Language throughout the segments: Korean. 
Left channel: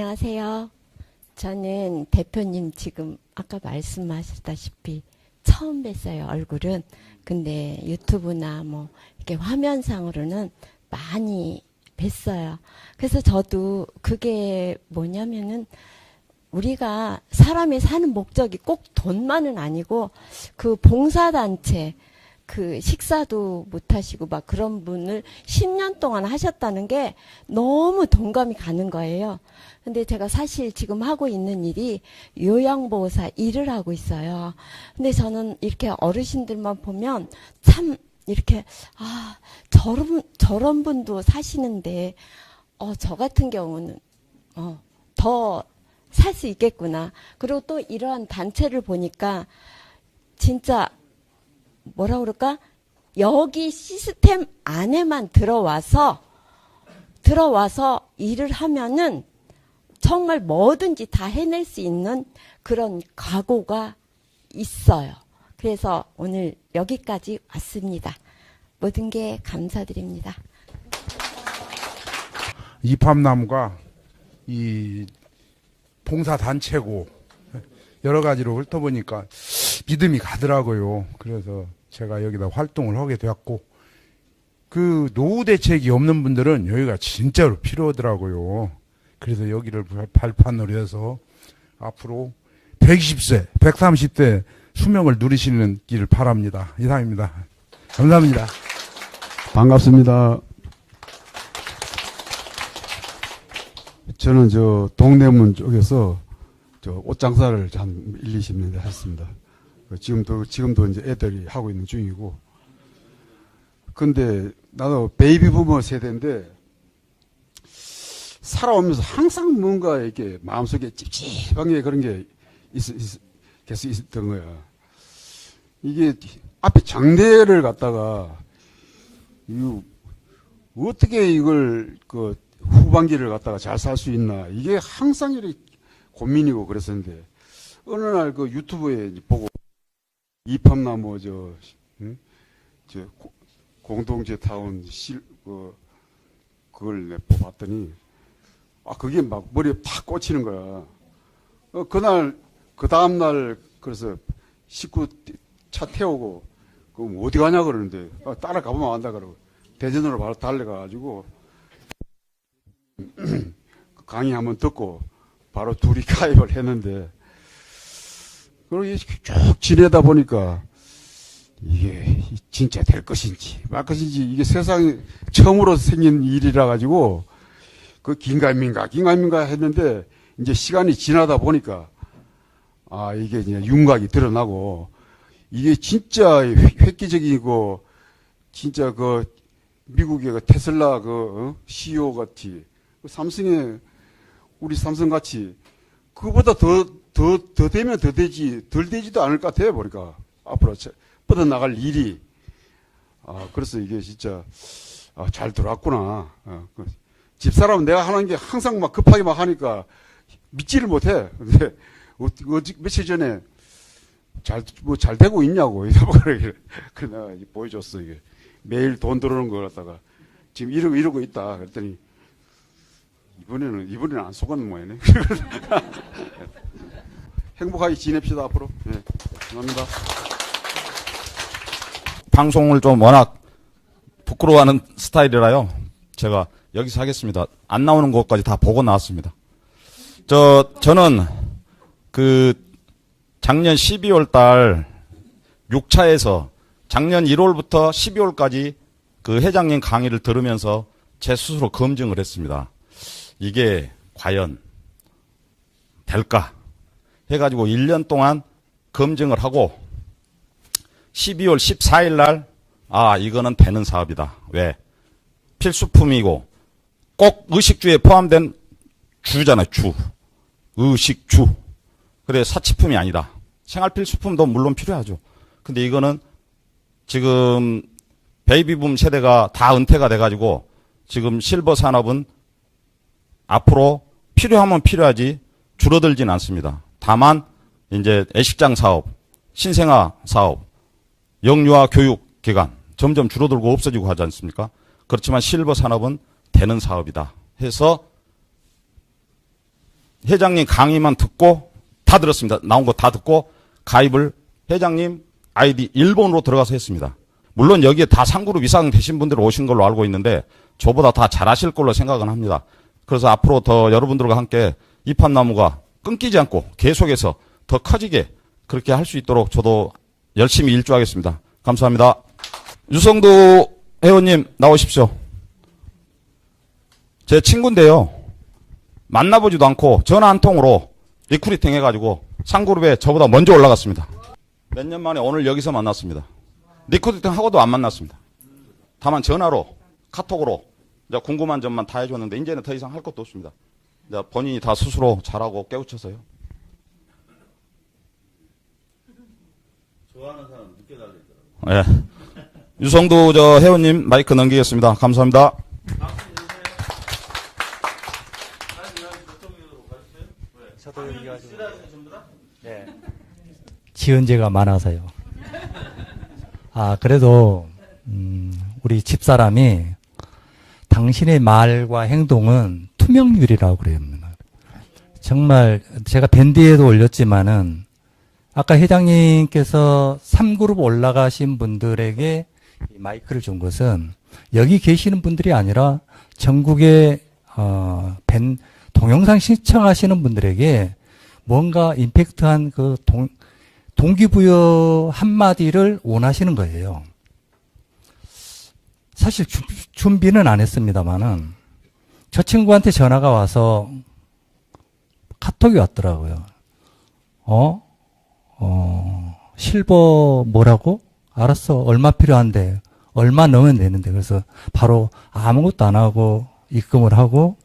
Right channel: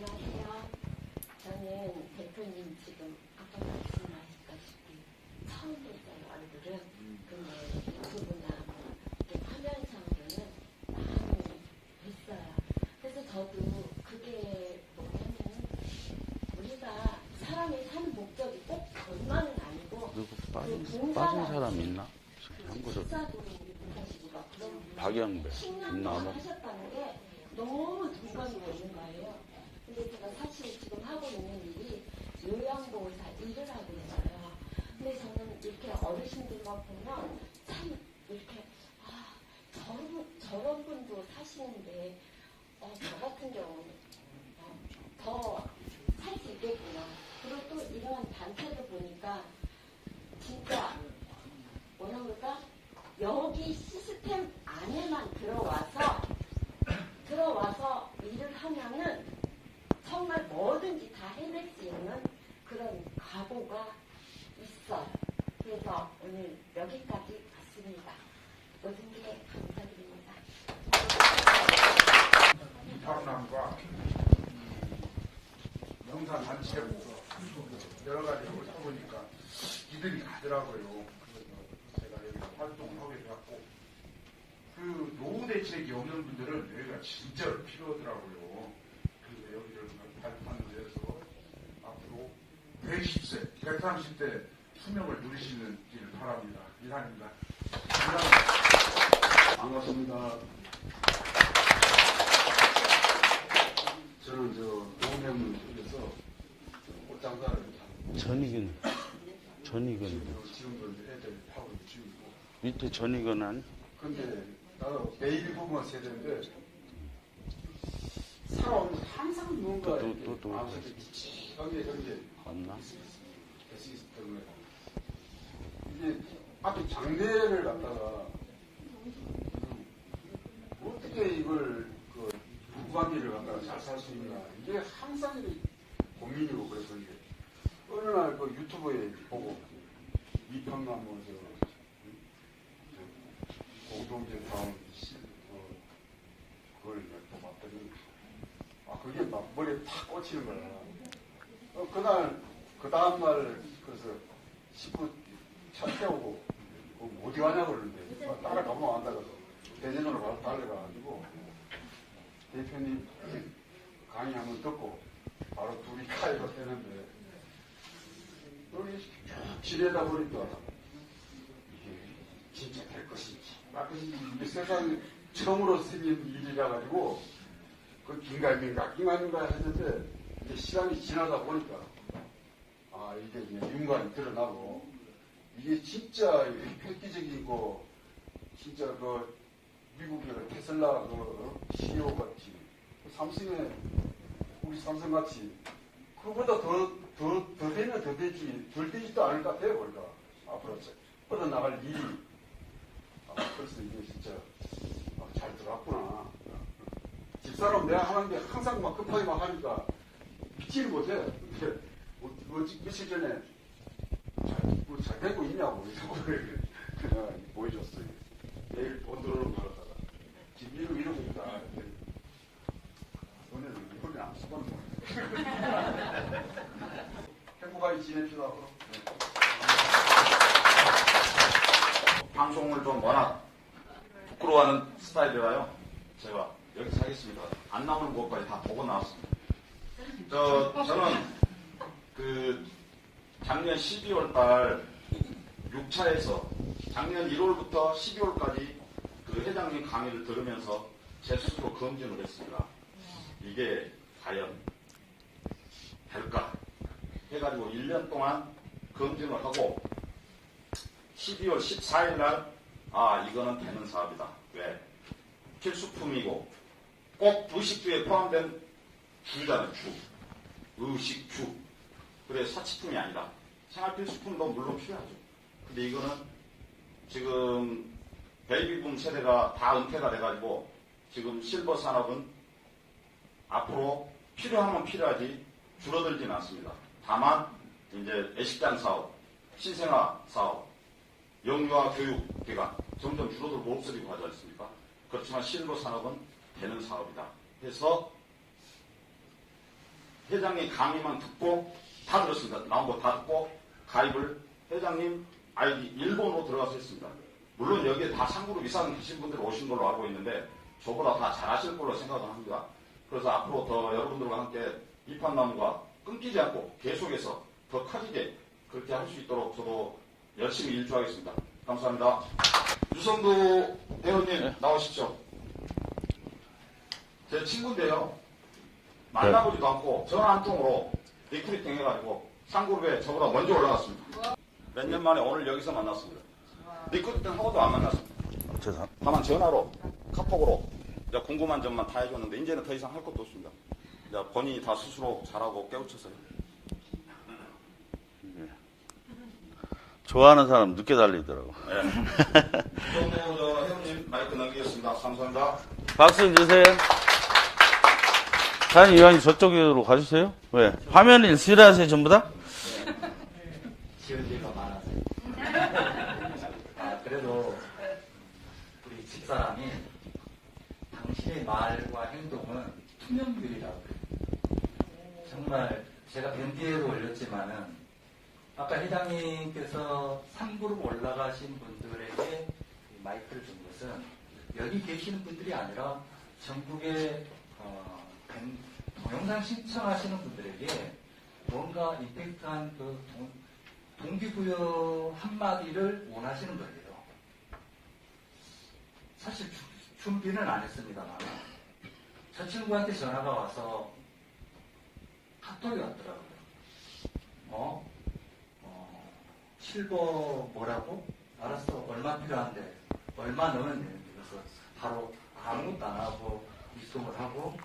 안녕하세요. 저는 대표님 지금 아까 말씀하셨다시피 처음 뵀어요, 얼굴은. 근데 유튜브나 뭐 이렇게 화면상으로는 많이 뵀어요. 그래서 저도 그게 뭐냐면은 우리가 사람이 사는 목적이 꼭 돈만은 아니고 그 봉사단체 그 식사도 못 하시고 막 그런 분을 10년 동안 하셨다는 게 너무 동감이 가는 거예요. 근데 제가 사실 지금 하고 있는 일이 요양보호사 일을 하고 있어요. 근데 저는 이렇게 어르신들만 보면 참 이렇게 저런 분도 사시는데 저 같은 경우는 더 살 수 있겠구나. 그리고 또 이러한 단체를 보니까 진짜 뭐라 그럴까? 여기 시스템 안에만 들어와서 일을 하면은 정말 뭐든지 다 해낼 수 있는 그런 각오가 있어요. 그래서 오늘 여기까지 왔습니다. 모든 게 감사드립니다. 이팝나무가 이 봉사단체고 여러 가지로 훑어보니까 믿음이 가더라고요. 그래서 제가 여기다 활동을 하게 되었고, 그 노후 대책이 없는 분들은 여기가 진짜로 필요하더라고요. 그래서 여기를 발판으로 해서 앞으로 120세, 130대 수명을 누리시는 길 바랍니다. 이상입니다. 감사합니다. 반갑습니다. 저는 저 동대문 쪽에서 저 옷장사를 한 20년 했습니다. 지금도 이제 애들이 하고 있는 중이고. 밑에 전이건한. 근데 나도 베이비 부머 세대인데 살아오면서 항상 뭔가 이렇게 마음속에 찝찝한 게 그런 게 계속 있었던 거야. 이게 앞에 장대를 갖다가 어떻게 이걸 그 후반기를 갖다가 잘 살 수 있나, 이게 항상 이렇게 고민이고 그랬었는데, 어느 날 그 유튜브에 보고 이팝나무 저 공동체 타운 그걸 뽑았더니 그게 막 머리에 팍 꽂히는 거야. 그날 그 다음 날 그래서 식구 차 태우고 그럼 어디 가냐 그러는데 따라가보면 안다 그러고 대전으로 바로 달려가가지고 대표님 강의 한번 듣고 바로 둘이 가입을 했는데, 그러고 쭉 지내다 보니까 이게 진짜 될 것인지 말 것인지, 이게 세상에 처음으로 생긴 일이라 가지고 그 긴가민가 했는데, 이제 시간이 지나다 보니까 이게 이제 윤곽이 드러나고, 이게 진짜 획기적이고 진짜 그 미국의 그 테슬라 CEO 같이 삼성의 우리 삼성 같이 그보다 더 되면 더 되지 덜 되지도 않을 것 같아요. 보니까 앞으로 뻗어 나갈 일이. 그래서 이게 진짜 잘 들어왔구나. 집사람은 내가 하는 게 항상 막 급하게 막 하니까 믿지를 못해. 근데 며칠 전에 잘 되고 있냐고 그래 내가 보여줬어. 이게 매일 돈 들어오는 거 갖다가 지금 이러고 있다. 그랬더니 이번에는 안 속았는 모양이네. 행복하게 지냅시다 앞으로. 네, 감사합니다. 방송을 좀 워낙 부끄러워하는 스타일이라요. 제가 여기서 하겠습니다. 안 나오는 것까지 다 보고 나왔습니다. 저는 그 작년 12월 달 6차에서 작년 1월부터 12월까지 그 회장님 강의를 들으면서 제 스스로 검증을 했습니다. 이게 과연 될까 해가지고 1년 동안 검증을 하고 12월 14일 날 이거는 되는 사업이다. 왜? 필수품이고 꼭 의식주에 포함된 주잖아요. 주. 의식주. 그래, 사치품이 아니다. 생활필수품도 물론 필요하죠. 근데 이거는 지금 베이비붐 세대가 다 은퇴가 돼가지고 지금 실버 산업은 앞으로 필요하면 필요하지 줄어들진 않습니다. 다만 이제 애식장 사업, 신생아 사업, 영유아 교육 기관 점점 줄어들고 없어지고 하지 않습니까? 그렇지만 실버 산업은 되는 사업이다 해서 회장님 강의만 듣고 다 들었습니다. 나온 거 다 듣고 가입을 회장님 아이디 1번으로 들어가서 했습니다. 물론 여기에 다 상그룹 이상 되신 분들 오신 걸로 알고 있는데 저보다 다 잘하실 걸로 생각은 합니다. 그래서 앞으로 더 여러분들과 함께 이팝나무가 끊기지 않고 계속해서 더 커지게 그렇게 할 수 있도록 저도 열심히 일조하겠습니다. 감사합니다. 유성도 회원님 나오십시오. 제 친구인데요. 만나보지도 않고 전화 한 통으로 리크루팅 해가지고 상그룹에 저보다 먼저 올라갔습니다. 몇 년 만에 오늘 여기서 만났습니다. 리크루팅 하고도 안 만났습니다. 다만 전화로 카톡으로 이제 궁금한 점만 다 해줬는데 이제는 더 이상 할 것도 없습니다. 이제 본인이 다 스스로 잘하고 깨우쳐서요. 좋아하는 사람 늦게 달리더라고. 예. 유성도 저 회원님 마이크 넘기겠습니다. 감사합니다. 박수 주세요. 사장님 이왕이 저쪽으로 가주세요. 왜? 화면을 싫어하세요 전부 다? 지은재가 많아서요. 그래도 우리 집사람이 당신의 말과 행동은 투명률이라고 그래요. 정말 제가 밴디에도 올렸지만은 아까 회장님께서 3그룹 올라가신 분들에게 마이크를 준 것은 여기 계시는 분들이 아니라 전국에 동영상 시청하시는 분들에게 뭔가 임팩트한 그 동기부여 한마디를 원하시는 거예요. 사실 준비는 안 했습니다만은 저 친구한테 전화가 와서 카톡이 왔더라고요. 실버 뭐라고? 알았어. 얼마 필요한데. 얼마 넣으면 되는데. 그래서 바로 아무것도 안 하고 입금을 하고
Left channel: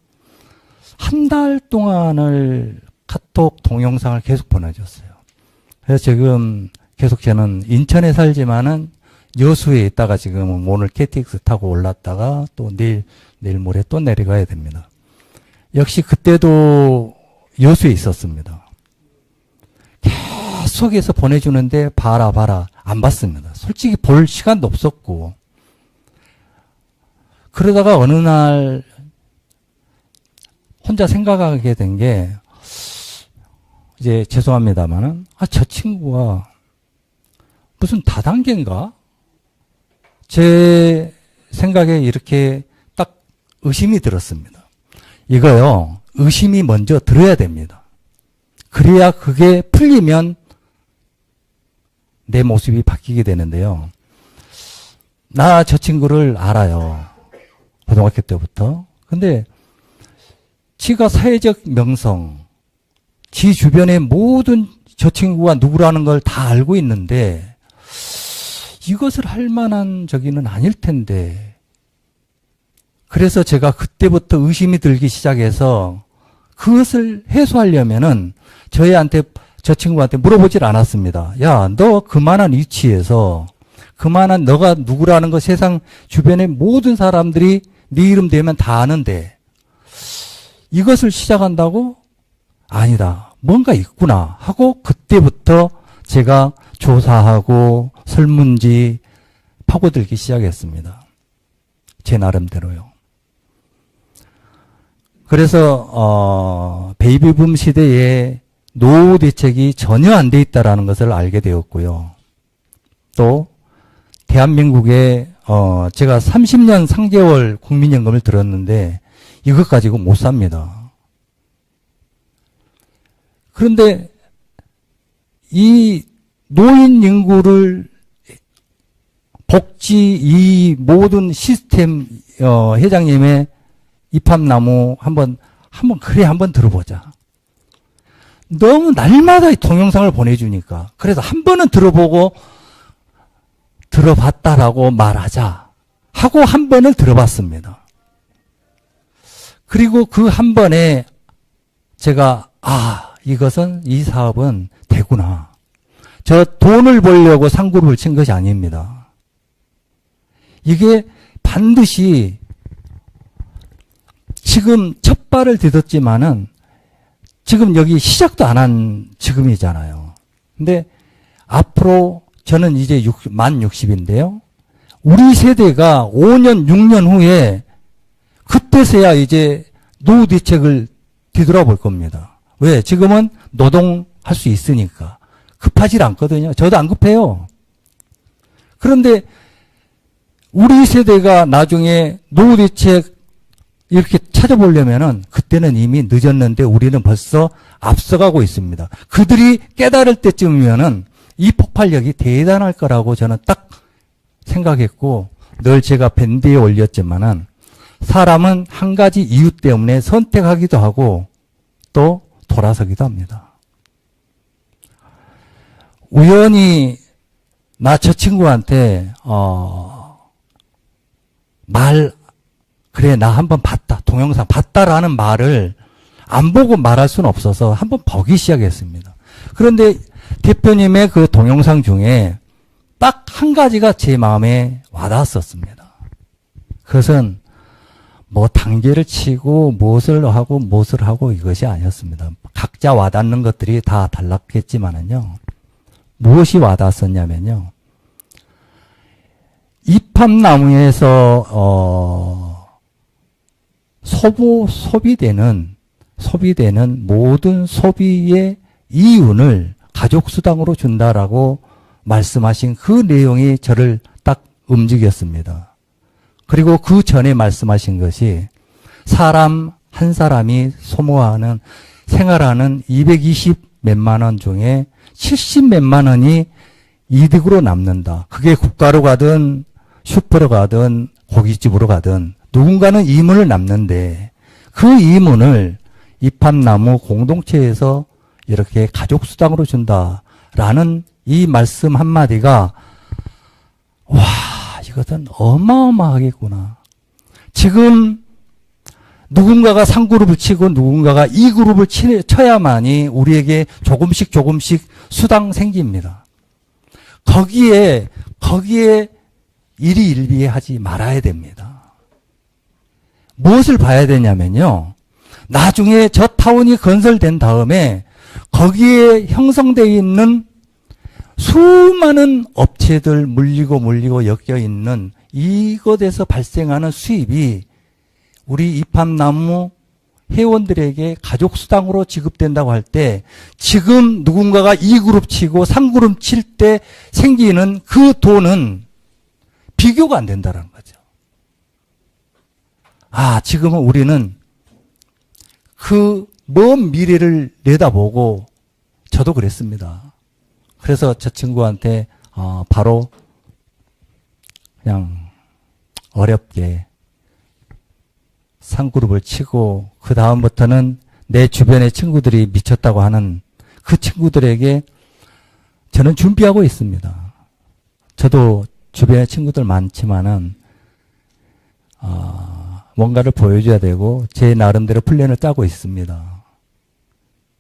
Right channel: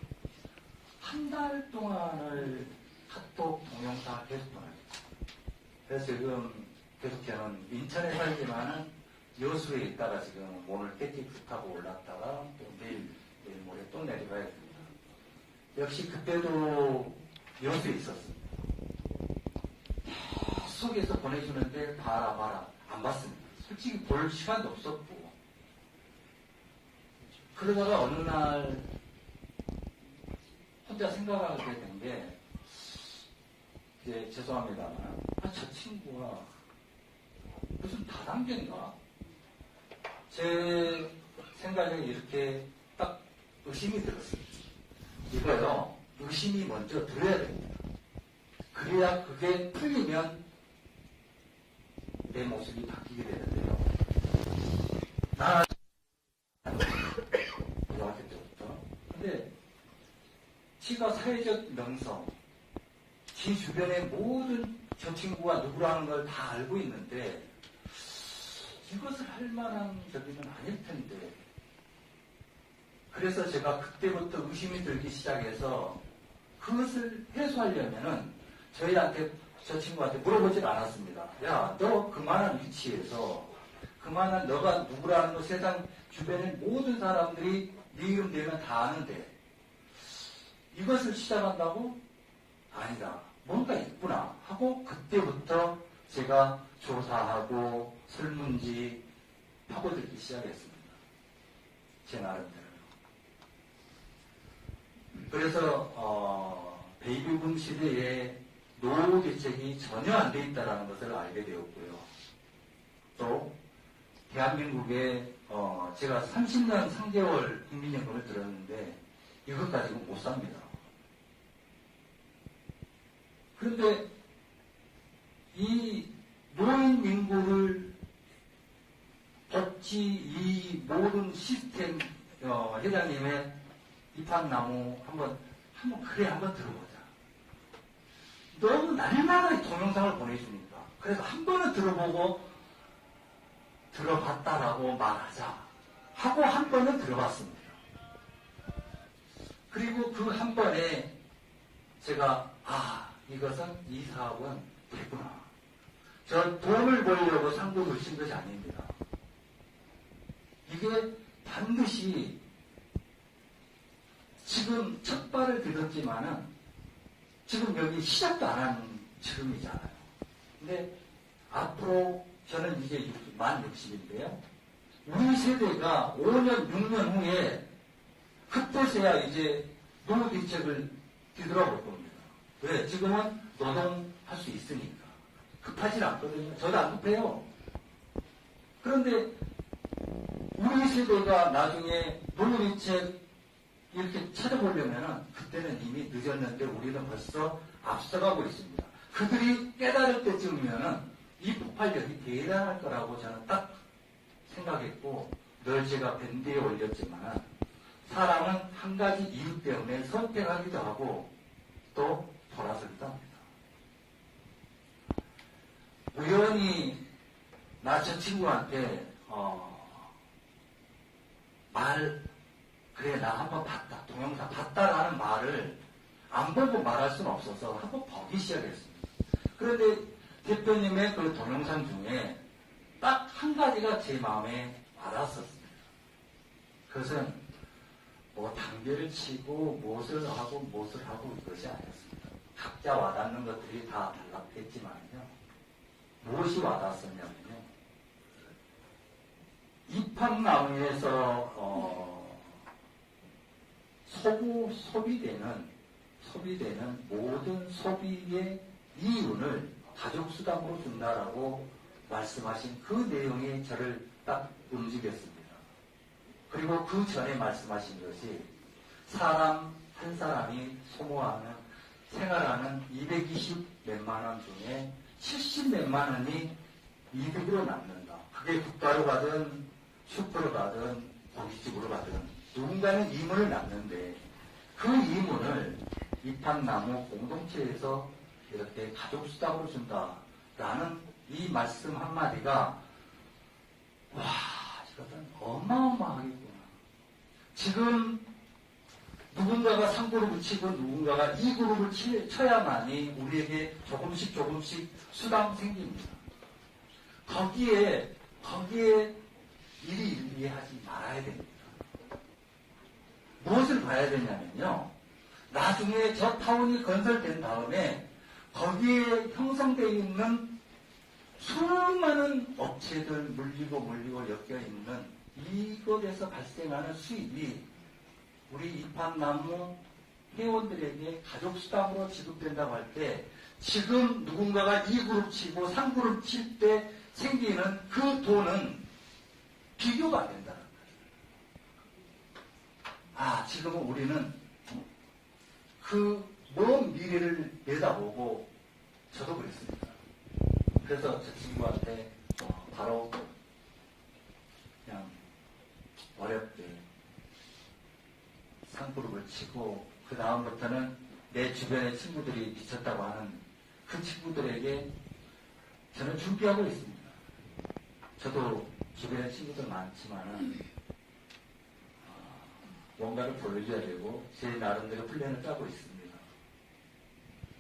한 달 동안을 카톡 동영상을 계속 보내줬어요. 그래서 지금 계속 저는 인천에 살지만은 여수에 있다가 지금 오늘 KTX 타고 올랐다가 또 내일 모레 또 내려가야 됩니다. 역시 그때도 여수에 있었습니다. 계속해서 보내주는데 봐라 안 봤습니다. 솔직히 볼 시간도 없었고 그러다가 어느 날 혼자 생각하게 된 게 이제 죄송합니다만은 저 친구가 무슨 다단계인가? 제 생각에 이렇게 딱 의심이 들었습니다. 이거요 의심이 먼저 들어야 됩니다. 그래야 그게 풀리면 내 모습이 바뀌게 되는데요. 나 저 친구를 알아요. 고등학교 때부터. 근데 지가 사회적 명성, 지 주변의 모든 저 친구가 누구라는 걸 다 알고 있는데 이것을 할 만한 저기는 아닐 텐데. 그래서 제가 그때부터 의심이 들기 시작해서 그것을 해소하려면은 저 친구한테 물어보질 않았습니다. 야, 너 그만한 위치에서 그만한 너가 누구라는 거 세상 주변의 모든 사람들이 네 이름 되면 다 아는데 이것을 시작한다고? 아니다. 뭔가 있구나 하고 그때부터 제가 조사하고 설문지 파고들기 시작했습니다. 제 나름대로요. 그래서 베이비붐 시대에 노후 대책이 전혀 안 돼 있다라는 것을 알게 되었고요. 또 대한민국에 제가 30년 3개월 국민연금을 들었는데 이것 가지고 못 삽니다. 그런데 이 노인 인구를 복지 이 모든 시스템 회장님의 이팝나무 한번 들어보자. 너무 날마다 동영상을 보내주니까 그래서 한 번은 들어보고 들어봤다라고 말하자 하고 한 번을 들어봤습니다. 그리고 그 한 번에 제가 이 사업은 되구나. 저 돈을 벌려고 상그룹을 친 것이 아닙니다. 이게 반드시 지금 첫 발을 디뎠지만은 지금 여기 시작도 안 한 지금이잖아요. 근데 앞으로 저는 이제 만 60인데요. 우리 세대가 5년, 6년 후에 그때서야 이제 노후 대책을 뒤돌아볼 겁니다. 왜? 지금은 노동할 수 있으니까. 급하질 않거든요. 저도 안 급해요. 그런데 우리 세대가 나중에 노후 대책 이렇게 찾아보려면은 그때는 이미 늦었는데 우리는 벌써 앞서가고 있습니다. 그들이 깨달을 때쯤이면은 이 폭발력이 대단할 거라고 저는 딱 생각했고, 늘 제가 밴드에 올렸지만은 사람은 한 가지 이유 때문에 선택하기도 하고 또 돌아서기도 합니다. 우연히 나 저 친구한테 그래 나 한번 봤다, 동영상 봤다라는 말을 안 보고 말할 수는 없어서 한번 보기 시작했습니다. 그런데 대표님의 그 동영상 중에 딱 한 가지가 제 마음에 와닿았었습니다. 그것은 뭐 단계를 치고 무엇을 하고 이것이 아니었습니다. 각자 와닿는 것들이 다 달랐겠지만은요. 무엇이 와닿았었냐면요. 이팝나무에서 소비되는 모든 소비의 이윤을 가족수당으로 준다라고 말씀하신 그 내용이 저를 딱 움직였습니다. 그리고 그 전에 말씀하신 것이 사람 한 사람이 소모하는 생활하는 220 몇만 원 중에 70 몇만 원이 이득으로 남는다. 그게 국가로 가든 슈퍼로 가든 고깃집으로 가든 누군가는 이문을 남는데 그 이문을 이팝나무 공동체에서 이렇게 가족수당으로 준다라는 이 말씀 한마디가 와 이것은 어마어마하겠구나. 지금 누군가가 3그룹을 치고 누군가가 2그룹을 쳐야만이 우리에게 조금씩 수당 생깁니다. 거기에 일희일비하지 말아야 됩니다. 무엇을 봐야 되냐면요. 나중에 저 타운이 건설된 다음에 거기에 형성되어 있는 수많은 업체들 물리고 엮여 있는 이것에서 발생하는 수입이 우리 이팝나무 회원들에게 가족수당으로 지급된다고 할 때 지금 누군가가 2그룹 치고 3그룹 칠 때 생기는 그 돈은 비교가 안 된다는 거죠. 지금은 우리는 그 먼 미래를 내다보고 저도 그랬습니다. 그래서 저 친구한테 바로 그냥 어렵게 3그룹을 치고 그 다음부터는 내 주변의 친구들이 미쳤다고 하는 그 친구들에게 저는 준비하고 있습니다. 저도 주변에 친구들 많지만은 뭔가를 보여줘야 되고 제 나름대로 플랜을 짜고 있습니다.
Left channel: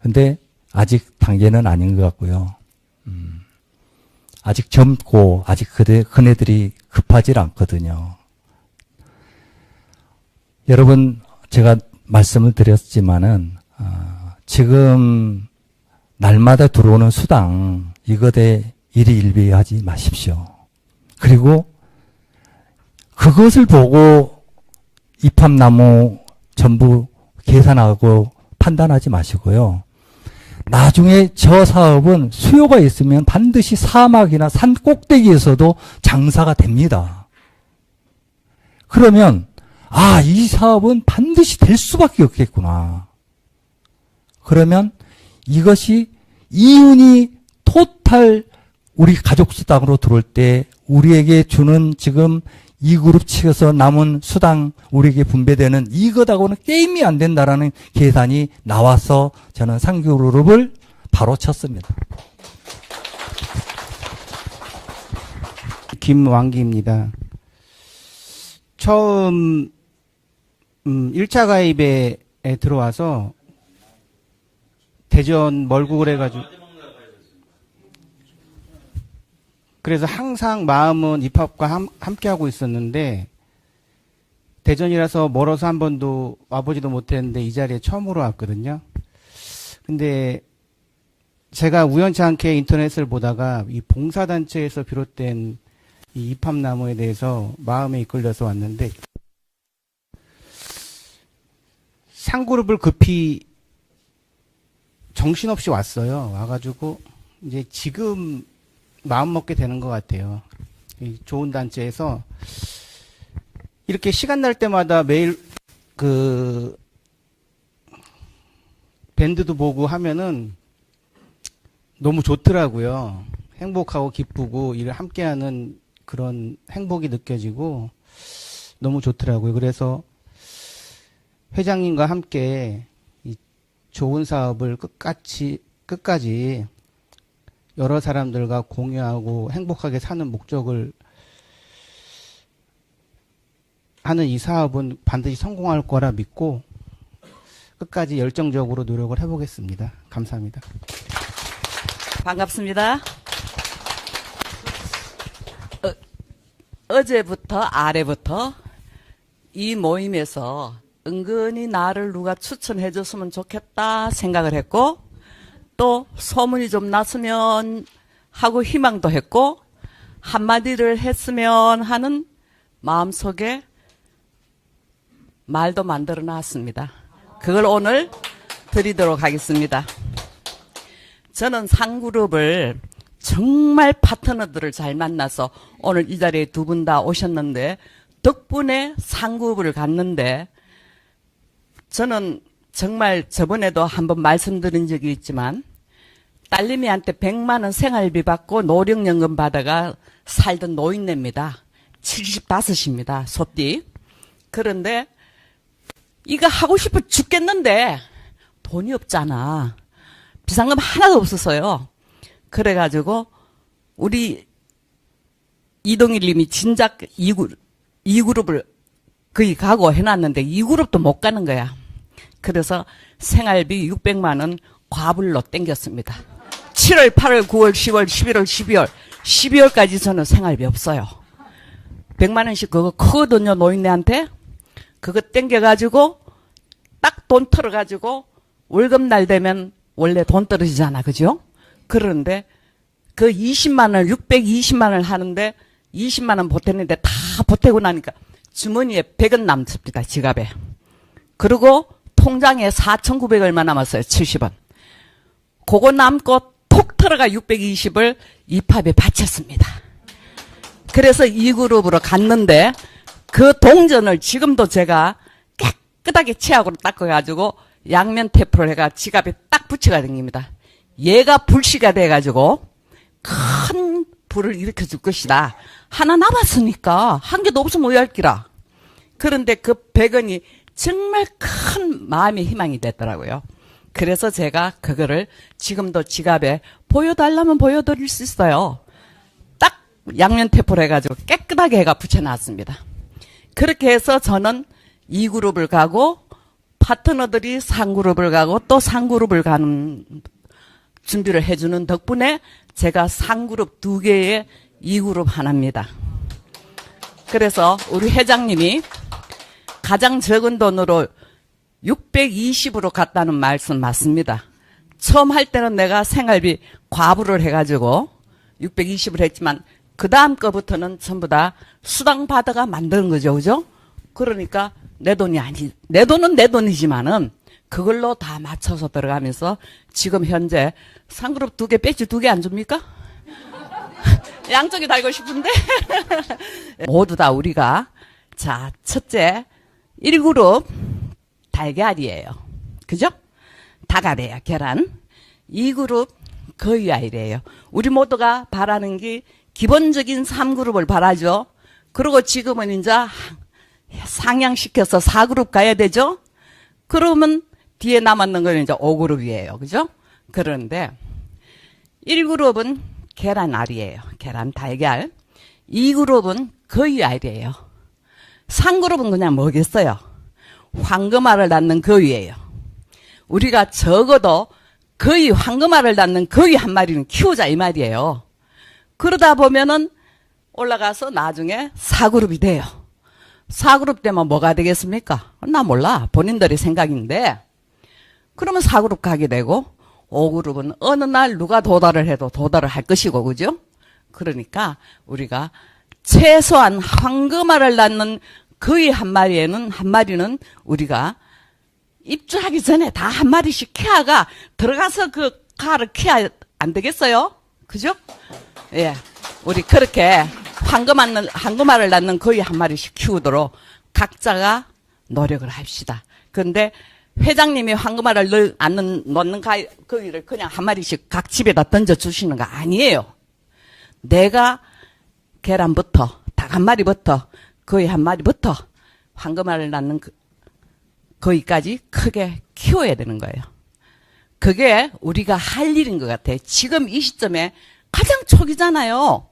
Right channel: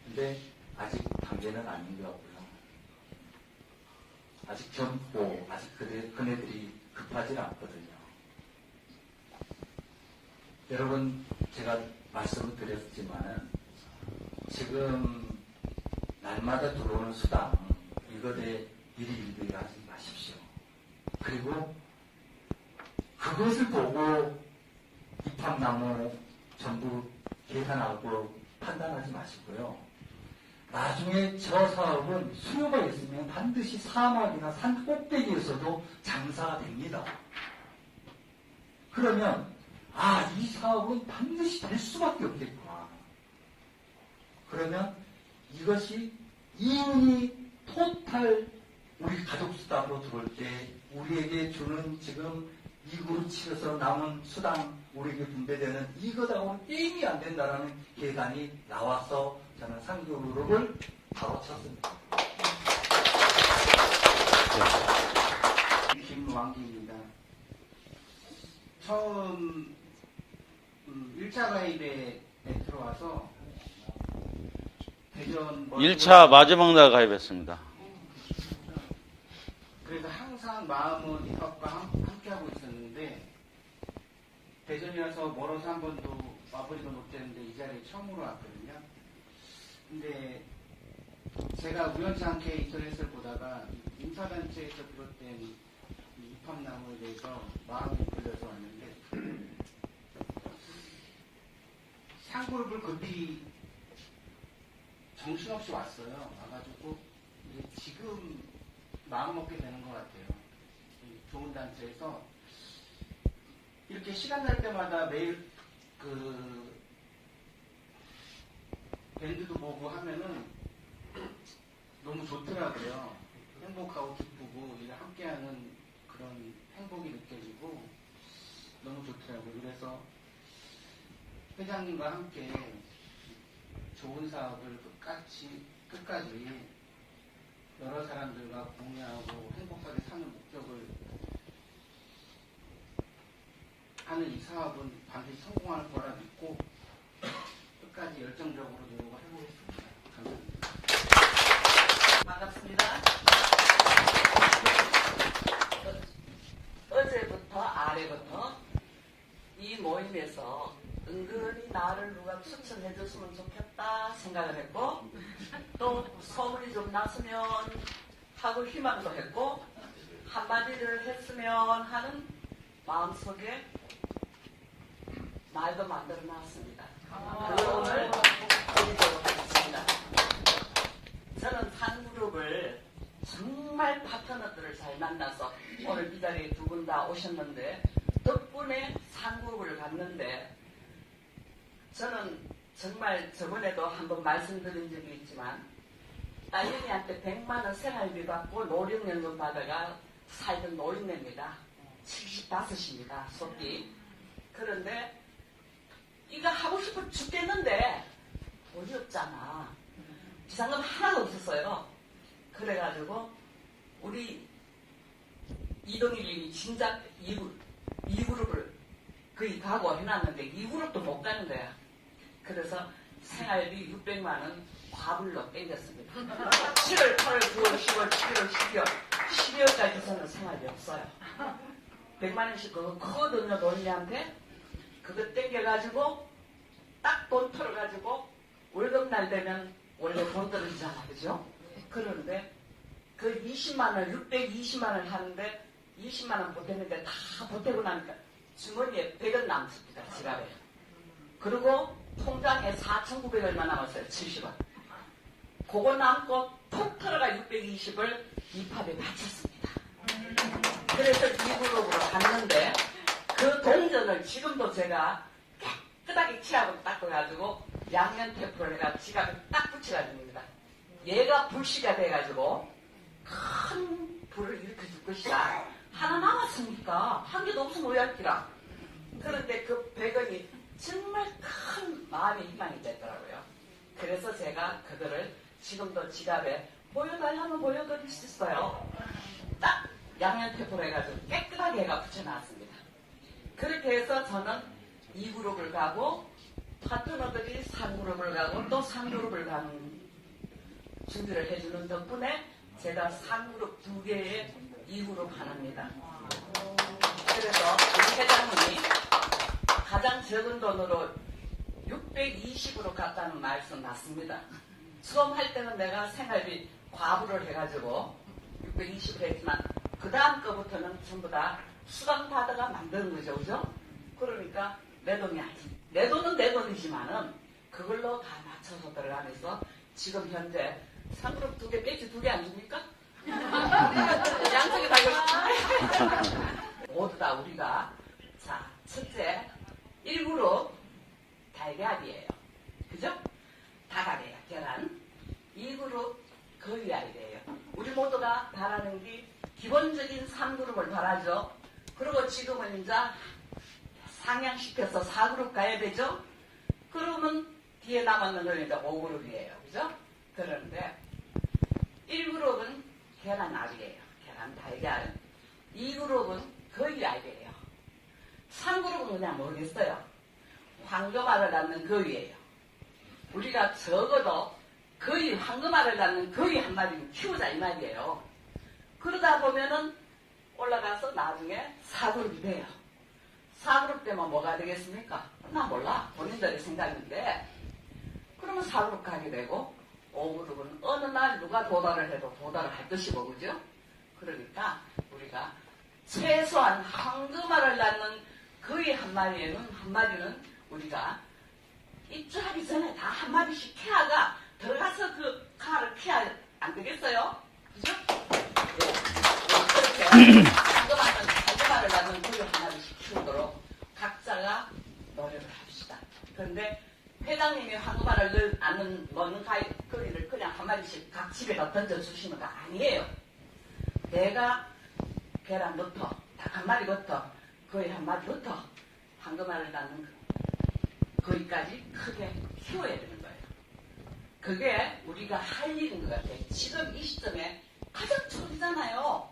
근데 아직 단계는 아닌 것 같고요. 아직 젊고 아직 그네들이 급하질 않거든요. 여러분 제가 말씀을 드렸지만은 지금 날마다 들어오는 수당 이것에 일희일비하지 마십시오. 그리고 그것을 보고 이팝나무 전부 계산하고 판단하지 마시고요. 나중에 저 사업은 수요가 있으면 반드시 사막이나 산 꼭대기에서도 장사가 됩니다. 그러면 이 사업은 반드시 될 수밖에 없겠구나. 그러면 이것이 이윤이 토탈 우리 가족수당으로 들어올 때 우리에게 주는 지금 2그룹 치어서 남은 수당 우리에게 분배되는 이것하고는 게임이 안 된다라는 계산이 나와서 저는 3그룹을 바로 쳤습니다. 김왕기입니다. 처음 1차 가입에 들어와서 대전 멀구글에 1차 마지막 날 가입했습니다. 그래서 항상 마음은 입학과 함께하고 있었는데 대전이라서 멀어서 한 번도 와보지도 못했는데 이 자리에 처음으로 왔거든요. 근데 제가 우연치 않게 인터넷을 보다가 이 봉사단체에서 비롯된 이 이팝나무에 대해서 마음에 이끌려서 왔는데 상그룹을 급히 정신없이 왔어요. 와가지고 이제 지금 마음 먹게 되는 것 같아요. 이 좋은 단체에서 이렇게 시간 날 때마다 매일 그 밴드도 보고 하면은 너무 좋더라고요. 행복하고 기쁘고 일을 함께하는 그런 행복이 느껴지고 너무 좋더라고요. 그래서 회장님과 함께 이 좋은 사업을 끝까지 여러 사람들과 공유하고 행복하게 사는 목적을 하는 이 사업은 반드시 성공할 거라 믿고 끝까지 열정적으로 노력을 해보겠습니다. 감사합니다. 반갑습니다. 어제부터 아래부터 이 모임에서 은근히 나를 누가 추천해 줬으면 좋겠다 생각을 했고 또 소문이 좀 났으면 하고 희망도 했고 한마디를 했으면 하는 마음속에 말도 만들어 놨습니다. 그걸 오늘 드리도록 하겠습니다. 저는 상그룹을 정말 파트너들을 잘 만나서 오늘 이 자리에 두 분 다 오셨는데 덕분에 상그룹을 갔는데 저는 정말 저번에도 한번 말씀드린 적이 있지만 딸내미한테 100만 원 생활비 받고 노령연금 받아가 살던 노인네입니다. 75입니다. 소띠. 그런데 이거 하고 싶어 죽겠는데 돈이 없잖아. 비상금 하나도 없었어요. 그래가지고 우리 이동일 님이 진작 2그룹을 거의 가고 해놨는데 2그룹도 못 가는 거야. 그래서 생활비 600만 원 과불로 땡겼습니다. 7월, 8월, 9월, 10월, 11월, 12월. 12월까지 저는 생활비 없어요. 100만 원씩 그거 크거든요, 노인네한테. 그거 땡겨가지고 딱 돈 털어가지고 월급날 되면 원래 돈 떨어지잖아, 그죠? 그런데 그 20만 원, 620만 원을 하는데 20만 원 보탰는데 다 보태고 나니까 주머니에 100원 남습니다, 지갑에. 그리고 통장에 4,900 얼마 남았어요, 70원. 그거 남고 톡 털어가 620을 입합에 바쳤습니다. 그래서 2그룹으로 갔는데 그 동전을 지금도 제가 깨끗하게 치약으로 닦아가지고 양면 테이프를 해가 지갑에 딱 붙여가 댕깁니다. 얘가 불씨가 돼가지고 큰 불을 일으켜 줄 것이다. 하나 남았으니까 한 개도 없으면 오열기라. 그런데 그 100원이 정말 큰 마음의 희망이 됐더라고요. 그래서 제가 그거를 지금도 지갑에 보여달라면 보여드릴 수 있어요. 딱 양면 테이프를 해가지고 깨끗하게 해가 붙여놨습니다. 그렇게 해서 저는 2그룹을 가고 파트너들이 3그룹을 가고 또 3그룹을 가는 준비를 해주는 덕분에 제가 3그룹 2개에 2그룹 하나입니다. 그래서 우리 회장님이 가장 적은 돈으로 620으로 갔다는 말씀 맞습니다. 처음 할 때는 내가 생활비 과부를 해가지고 620을 했지만 그 다음 거부터는 전부 다 수당 받아가 만드는 거죠, 그죠? 그러니까 내 돈이 아니, 내 돈은 내 돈이지만은 그걸로 다 맞춰서 들어가면서 지금 현재 3그룹 2개 배지 2개 안 줍니까? 양쪽에 달고 싶은데 모두 다 우리가 자 첫째 1그룹 달걀이에요, 그죠? 다가래요, 계란. 2그룹 거위알이에요. 우리 모두가 바라는 게 기본적인 3그룹을 바라죠. 그리고 지금은 이제 상향시켜서 4그룹 가야 되죠. 그러면 뒤에 남았는 건 이제 5그룹이에요, 그죠? 그런데 1그룹은 계란알이에요. 계란 달걀. 2그룹은 거위알이에요. 3그룹은 그냥 뭐겠어요? 황금알을 낳는 거위예요. 우리가 적어도 거위, 황금알을 낳는 거위 한 마리는 키우자 이 말이에요. 그러다 보면은 올라가서 나중에 4그룹이 돼요. 4그룹 되면 뭐가 되겠습니까? 나 몰라. 본인들의 생각인데 그러면 4그룹 가게 되고 5그룹은 어느 날 누가 도달을 해도 도달을 할 것이고, 그죠? 그러니까 우리가 최소한 황금알을 낳는 거위 한 마리는 우리가 입주하기 전에 다 한 마리씩 키아가 들어가서 그 가를 키야 안 되겠어요? 그죠? 예. 우리 그렇게 황금알을 낳는 거의 한 마리씩 키우도록 각자가 노력을 합시다. 그런데 회장님이 황금알을 넣는 거기를 그냥 한 마리씩 각 집에다 던져주시는 거 아니에요. 내가 계란부터, 닭 한 마리부터, 거의 한 마리부터 황금알을 낳는 거기까지 크게 키워야 되는 거예요. 그게 우리가 할 일인 것 같아요. 지금 이 시점에 가장 초기잖아요.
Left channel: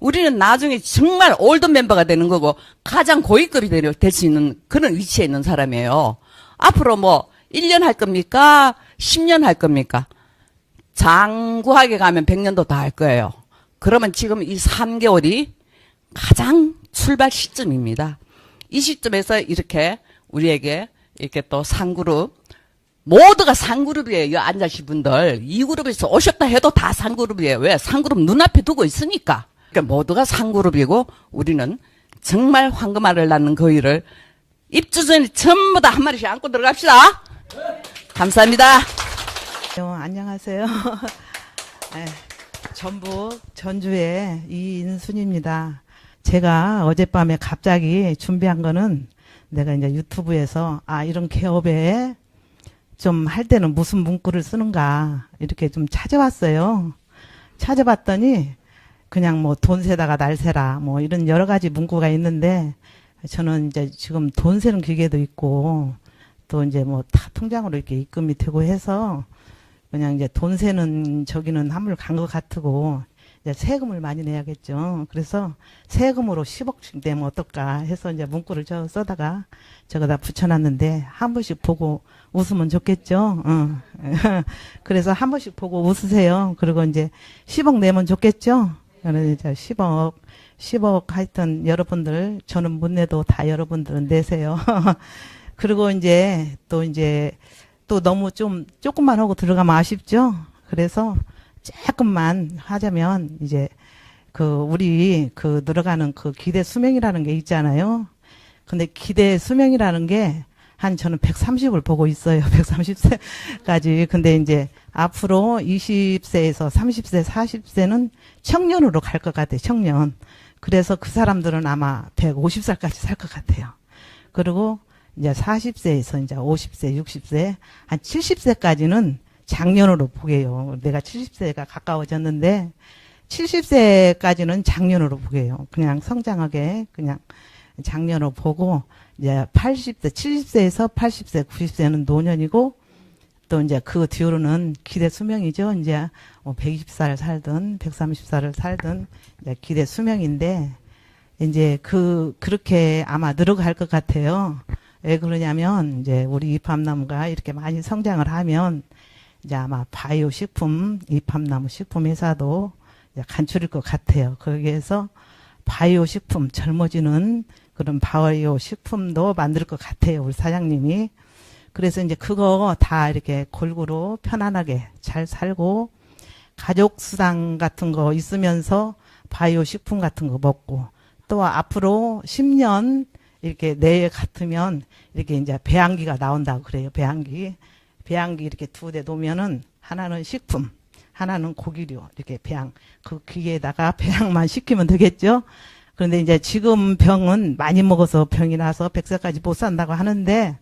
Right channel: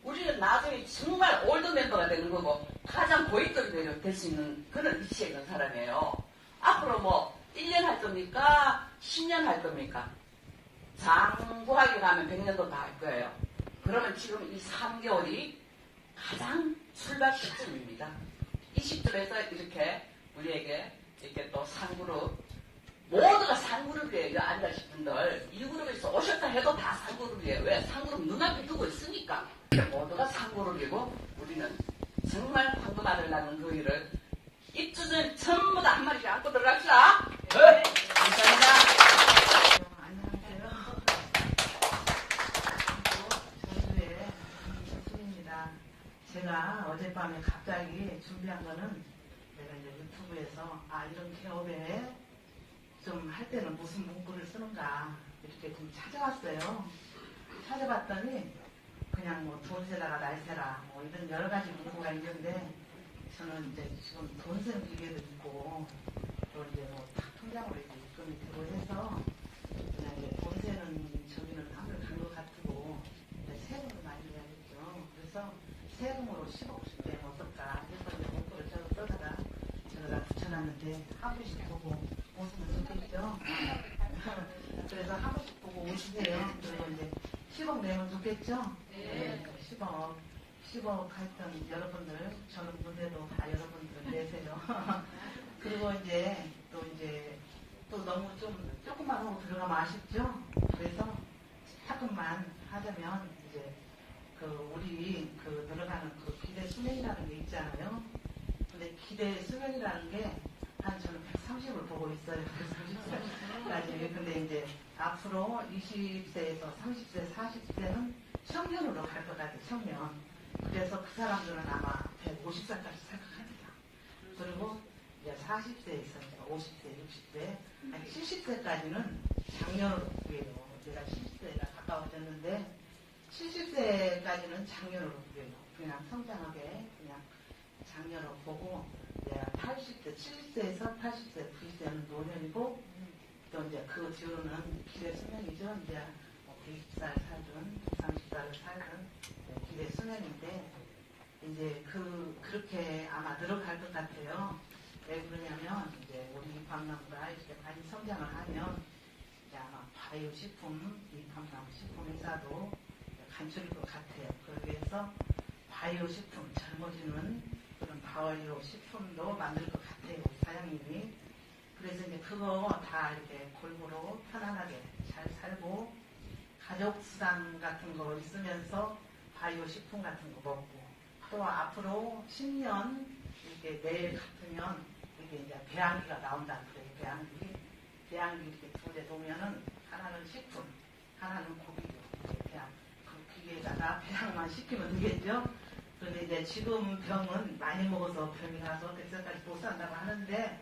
우리는 나중에 정말 올드 멤버가 되는 거고 가장 고위급이 될 수 있는 그런 위치에 있는 사람이에요. 앞으로 뭐 1년 할 겁니까? 10년 할 겁니까? 장구하게 가면 100년도 다 할 거예요. 그러면 지금 이 3개월이 가장 출발 시점입니다. 이 시점에서 이렇게 우리에게 이렇게 또 상그룹, 모두가 상그룹이에요. 앉으신 분들. 2그룹에서 오셨다 해도 다 상그룹이에요. 왜? 상그룹 눈앞에 두고 있으니까. 그러니까 모두가 상그룹이고 우리는 정말 황금알을 낳는 거위를 입주 전에 전부 다 한 마리씩 안고 들어갑시다. 감사합니다. 안녕하세요. 네, 전북 전주의 이인순입니다. 제가 어젯밤에 갑자기 준비한 거는 내가 이제 유튜브에서 이런 개업에 좀 할 때는 무슨 문구를 쓰는가 이렇게 좀 찾아봤어요. 찾아봤더니 그냥 뭐 돈 세다가 날 세라 뭐 이런 여러 가지 문구가 있는데 저는 이제 지금 돈 세는 기계도 있고 또 이제 뭐 다 통장으로 이렇게 입금이 되고 해서 그냥 이제 돈 세는 저기는 한물 간 것 같고 이제 세금을 많이 내야겠죠. 그래서 세금으로 10억씩 내면 어떨까 해서 이제 문구를 써다가 저거다 붙여놨는데 한 번씩 보고 웃으면 좋겠죠. 그래서 한 번씩 보고 웃으세요. 그리고 이제 10억 내면 좋겠죠. 저는 이제 10억 하여튼 여러분들 저는 못 내도 다 여러분들은 내세요. 그리고 이제 또 너무 좀 조금만 하고 들어가면 아쉽죠. 그래서 조금만 하자면 이제 우리 들어가는 기대 수명이라는 게 있잖아요. 근데 기대 수명이라는 게 저는 130을 보고 있어요. 130세까지. 근데 이제 앞으로 20세에서 30세, 40세는 청년으로 갈 것 같아요. 청년. 그래서 그 사람들은 아마 150살까지 살 것 같아요. 그리고 이제 40세에서 이제 50세, 60세, 한 70세까지는 장년으로 보게요. 내가 70세가 가까워졌는데 70세까지는 장년으로 보게요. 그냥 성장하게 그냥 장년으로 보고 이제 80세, 70세에서 80세, 90세는 노년이고 또 이제 그 뒤로는 기대 수명이죠. 이제 120살 살든 130살을 살든 이제 기대 수명인데 이제 그렇게 아마 늘어갈 것 같아요. 왜 그러냐면 이제 우리 이팝나무가 이렇게 많이 성장을 하면 이제 아마 바이오 식품, 이팝나무 식품 회사도 이제 간출일 것 같아요. 거기에서 바이오 식품 젊어지는 그런 바이오 식품도 만들 것 같아요. 우리 사장님이. 그래서 이제 그거 다 이렇게 골고루 편안하게 잘 살고 가족 수당 같은 거 있으면서 바이오 식품 같은 거 먹고 또 앞으로 10년 이렇게 내에 같으면 이렇게 이제 배양기가 나온다고 그래요. 배양기 이렇게 2대 놓으면은 하나는 식품, 하나는 고기류 이렇게 배양 그 기계에다가 배양만 시키면 되겠죠. 그런데 이제 지금 병은 많이 먹어서 병이 나서 100세까지 못 산다고 하는데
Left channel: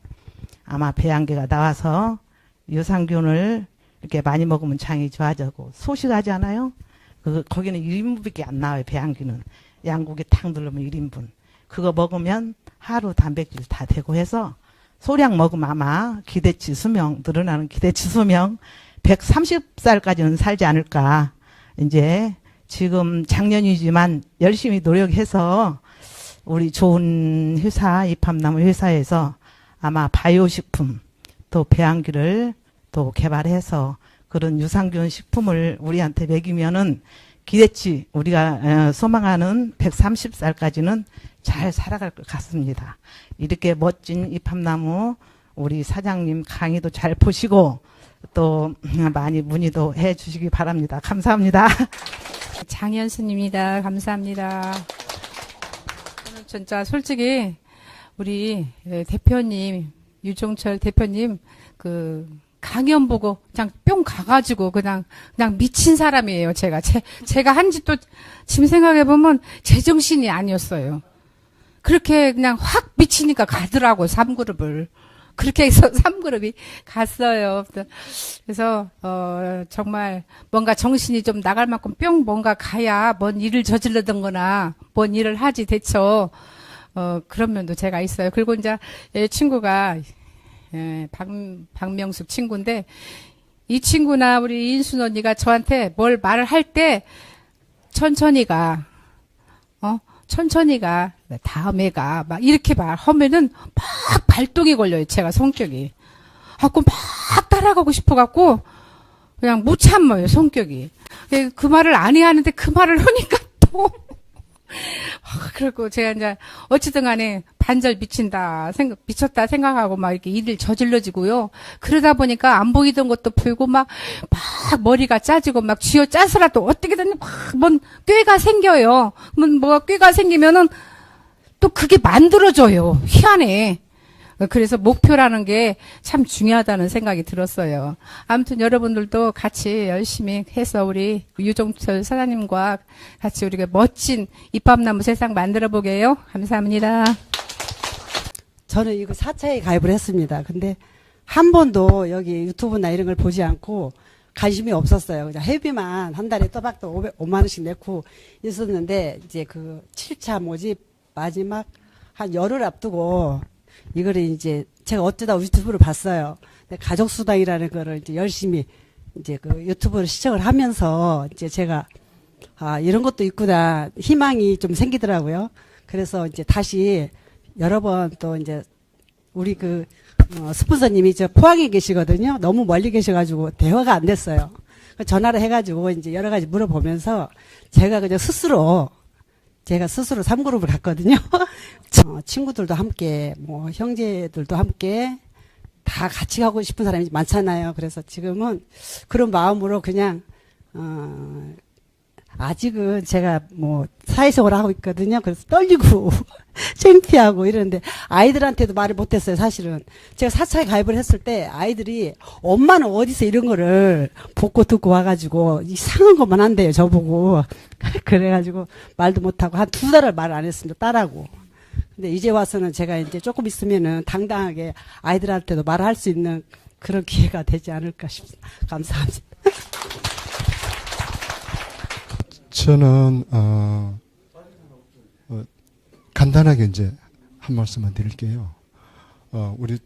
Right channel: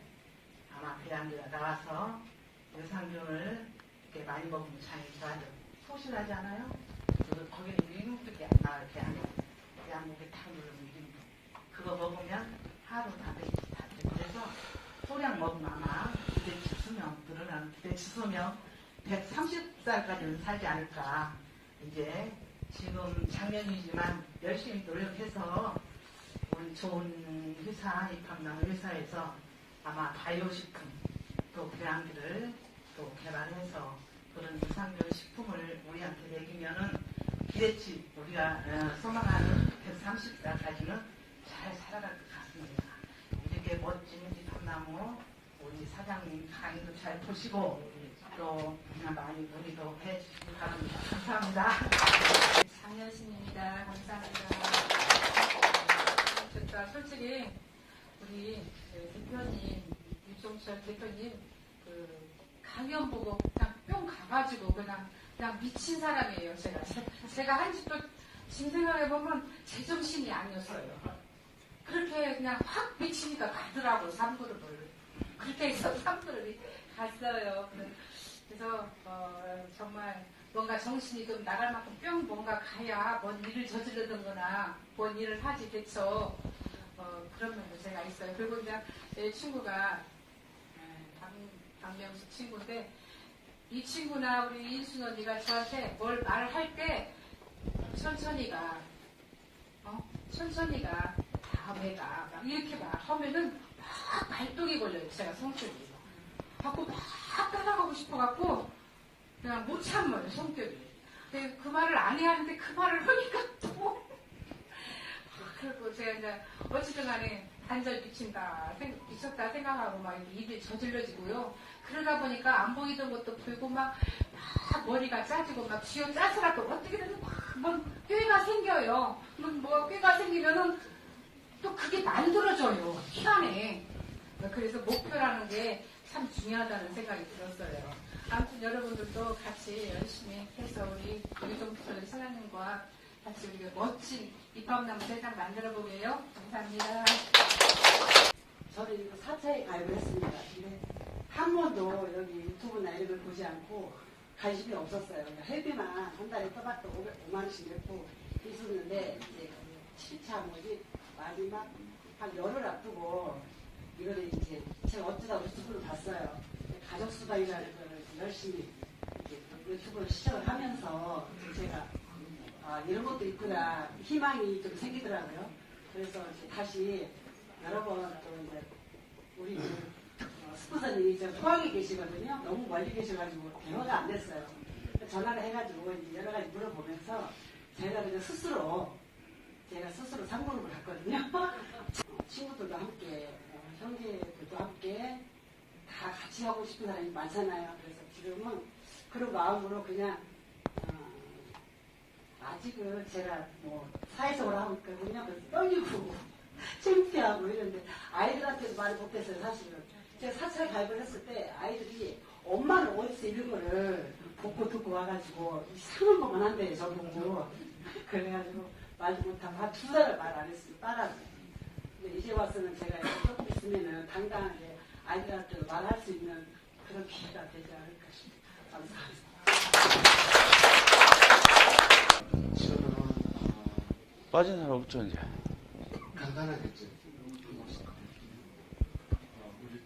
아마 배양기가 나와서 유산균을 이렇게 많이 먹으면 장이 좋아지고 소식하지 않아요? 거기는 1인분밖에 안 나와요. 배양기는 양고기 탁 누르면 1인분. 그거 먹으면 하루 단백질 다 되고 해서 소량 먹으면 아마 기대치 수명 늘어나는 기대치 수명 130살까지는 살지 않을까. 이제 지금 작년이지만 열심히 노력해서 우리 좋은 회사 이팝나무 회사에서 아마 바이오 식품 또 배양기를 또 개발해서 그런 유산균 식품을 우리한테 먹이면은 기대치 우리가 소망하는 130살까지는 잘 살아갈 것 같습니다. 이렇게 멋진 이팝나무 우리 사장님 강의도 잘 보시고 또 많이 문의도 해 주시기 바랍니다. 감사합니다. 장현순입니다. 감사합니다. 진짜 솔직히 우리 대표님 유종철 대표님 그 강연 보고 그냥 뿅 가가지고 그냥 미친 사람이에요. 제가 한지 또 지금 생각해 보면 제정신이 아니었어요. 그렇게 그냥 확 미치니까 가더라고 3그룹을. 그렇게 해서 3그룹이 갔어요. 그래서 정말 뭔가 정신이 좀 나갈 만큼 뿅 뭔가 가야 뭔 일을 저질러던 거나 뭔 일을 하지 대처 그런 면도 제가 있어요. 그리고 이제 친구가 박명숙 친구인데 이 친구나 우리 인순 언니가 저한테 뭘 말을 할 때 천천히 가. 천천히 가. 다음에 가. 막 이렇게 하면은 막 발동이 걸려요. 제가 성격이. 그럼 막 따라가고 싶어갖고 그냥 못 참아요. 성격이. 그 말을 안 해야 하는데 그 말을 하니까 또. 그리고 제가 이제 어찌든 간에 반절 미쳤다 생각하고 막 이렇게 일을 저질러지고요. 그러다 보니까 안 보이던 것도 보이고 막 머리가 짜지고 막 쥐어 짜서라도 어떻게든 뭔 꾀가 생겨요. 뭐가 꾀가 생기면은 또 그게 만들어져요. 희한해. 그래서 목표라는 게 참 중요하다는 생각이 들었어요. 아무튼 여러분들도 같이 열심히 해서 우리 유종철 사장님과 같이 우리가 멋진 입밥나무 세상 만들어 보게요. 감사합니다. 저는 이거 4차에 가입을 했습니다. 근데 한 번도 여기 유튜브나 이런 걸 보지 않고 관심이 없었어요. 그냥 회비만 한 달에 또박또 5만 원씩 내고 있었는데 이제 그 7차 모집 마지막 한 열흘 앞두고 이거를 이제 제가 어쩌다 유튜브를 봤어요. 근데 가족수당이라는 거를 이제 열심히 이제 그 유튜브를 시청을 하면서 이제 제가 이런 것도 있구나 희망이 좀 생기더라고요. 그래서 이제 다시 여러 번 또 이제 우리 그 스폰서님이 저 포항에 계시거든요. 너무 멀리 계셔가지고 대화가 안 됐어요. 전화를 해가지고 이제 여러 가지 물어보면서 제가 그냥 스스로 3그룹을 갔거든요. 친구들도 함께, 뭐, 형제들도 함께 다 같이 가고 싶은 사람이 많잖아요. 그래서 지금은 그런 마음으로 그냥, 아직은 제가 뭐, 사회생활을 하고 있거든요. 그래서 떨리고, 창피하고 이러는데, 아이들한테도 말을 못했어요, 사실은. 제가 4차에 가입을 했을 때, 아이들이, 엄마는 어디서 이런 거를 보고 듣고 와가지고, 이상한 것만 한대요, 저보고. 그래가지고, 말도 못하고, 한 2달을 말 안 했습니다, 딸하고. 근데 이제 와서는 제가 이제 조금 있으면은 당당하게 아이들한테도 말할 수 있는 그런 기회가 되지 않을까 싶습니다. 감사합니다. 저는 빠진 사람 없죠 이제. 간단하게 이제 한 말씀만 드릴게요. 우리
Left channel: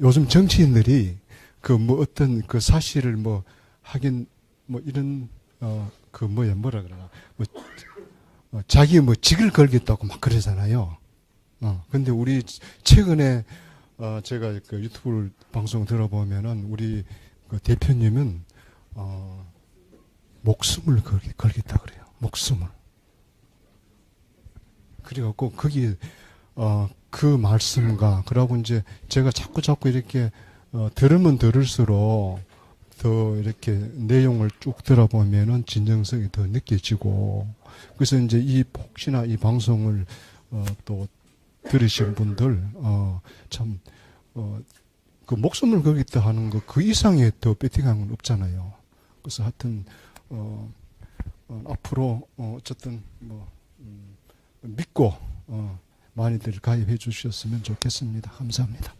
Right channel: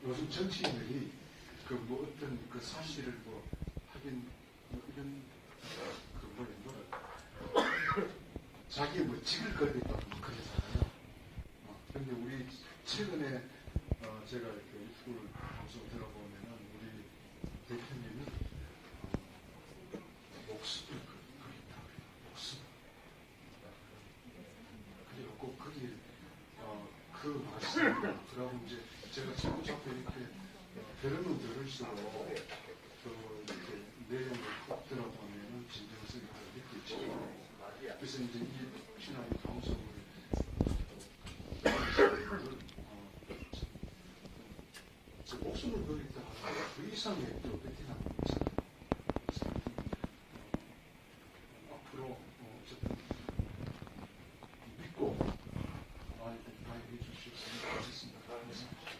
요즘 정치인들이 그 뭐 어떤 그 사실을 뭐 하긴 뭐 이런 그 뭐라 그래요? 자기 뭐 직을 걸겠다고 막 그러잖아요. 근데 우리 최근에 제가 그 유튜브 방송 들어보면은 우리 그 대표님은 목숨을 걸겠다 그래요. 목숨을. 그래갖고 거기 그 말씀과 그러고 이제 제가 자꾸 이렇게 들으면 들을수록 더 이렇게 내용을 쭉 들어보면은 진정성이 더 느껴지고 그래서 이제 혹시나 이 방송을 또 들으신 분들 참 그 목숨을 걸겠다 하는 거 그 이상의 더 배팅한 건 없잖아요. 그래서 하여튼 앞으로 어쨌든 믿고 많이들 가입해 주셨으면 좋겠습니다. 감사합니다.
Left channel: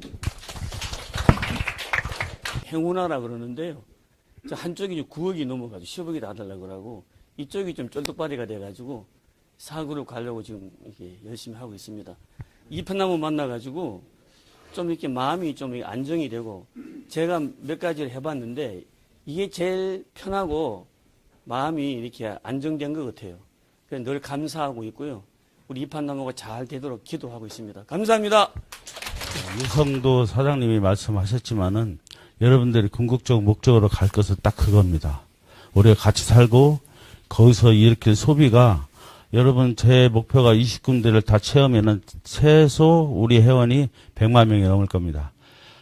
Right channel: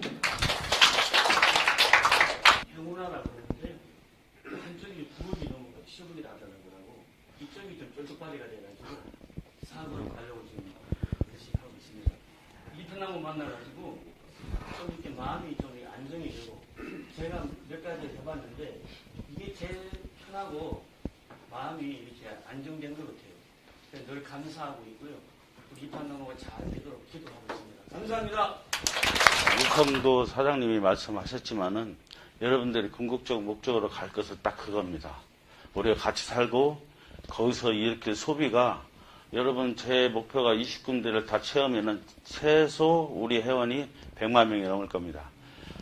행운하라 그러는데요. 한쪽이 9억이 넘어가지고 10억이 다 달라고 그러고 이쪽이 좀 쫄뚝발이가 돼가지고 4그룹 가려고 지금 열심히 하고 있습니다. 이편나무 만나가지고 좀 이렇게 마음이 좀 안정이 되고 제가 몇 가지를 해봤는데 이게 제일 편하고 마음이 이렇게 안정된 것 같아요. 그래서 늘 감사하고 있고요. 우리 이판나무가 잘 되도록 기도하고 있습니다. 감사합니다. 우성도 사장님이 말씀하셨지만은 여러분들이 궁극적 목적으로 갈 것은 딱 그겁니다. 우리가 같이 살고 거기서 이렇게 소비가 여러분 제 목표가 20군데를 다 채우면은 최소 우리 회원이 100만 명이 넘을 겁니다.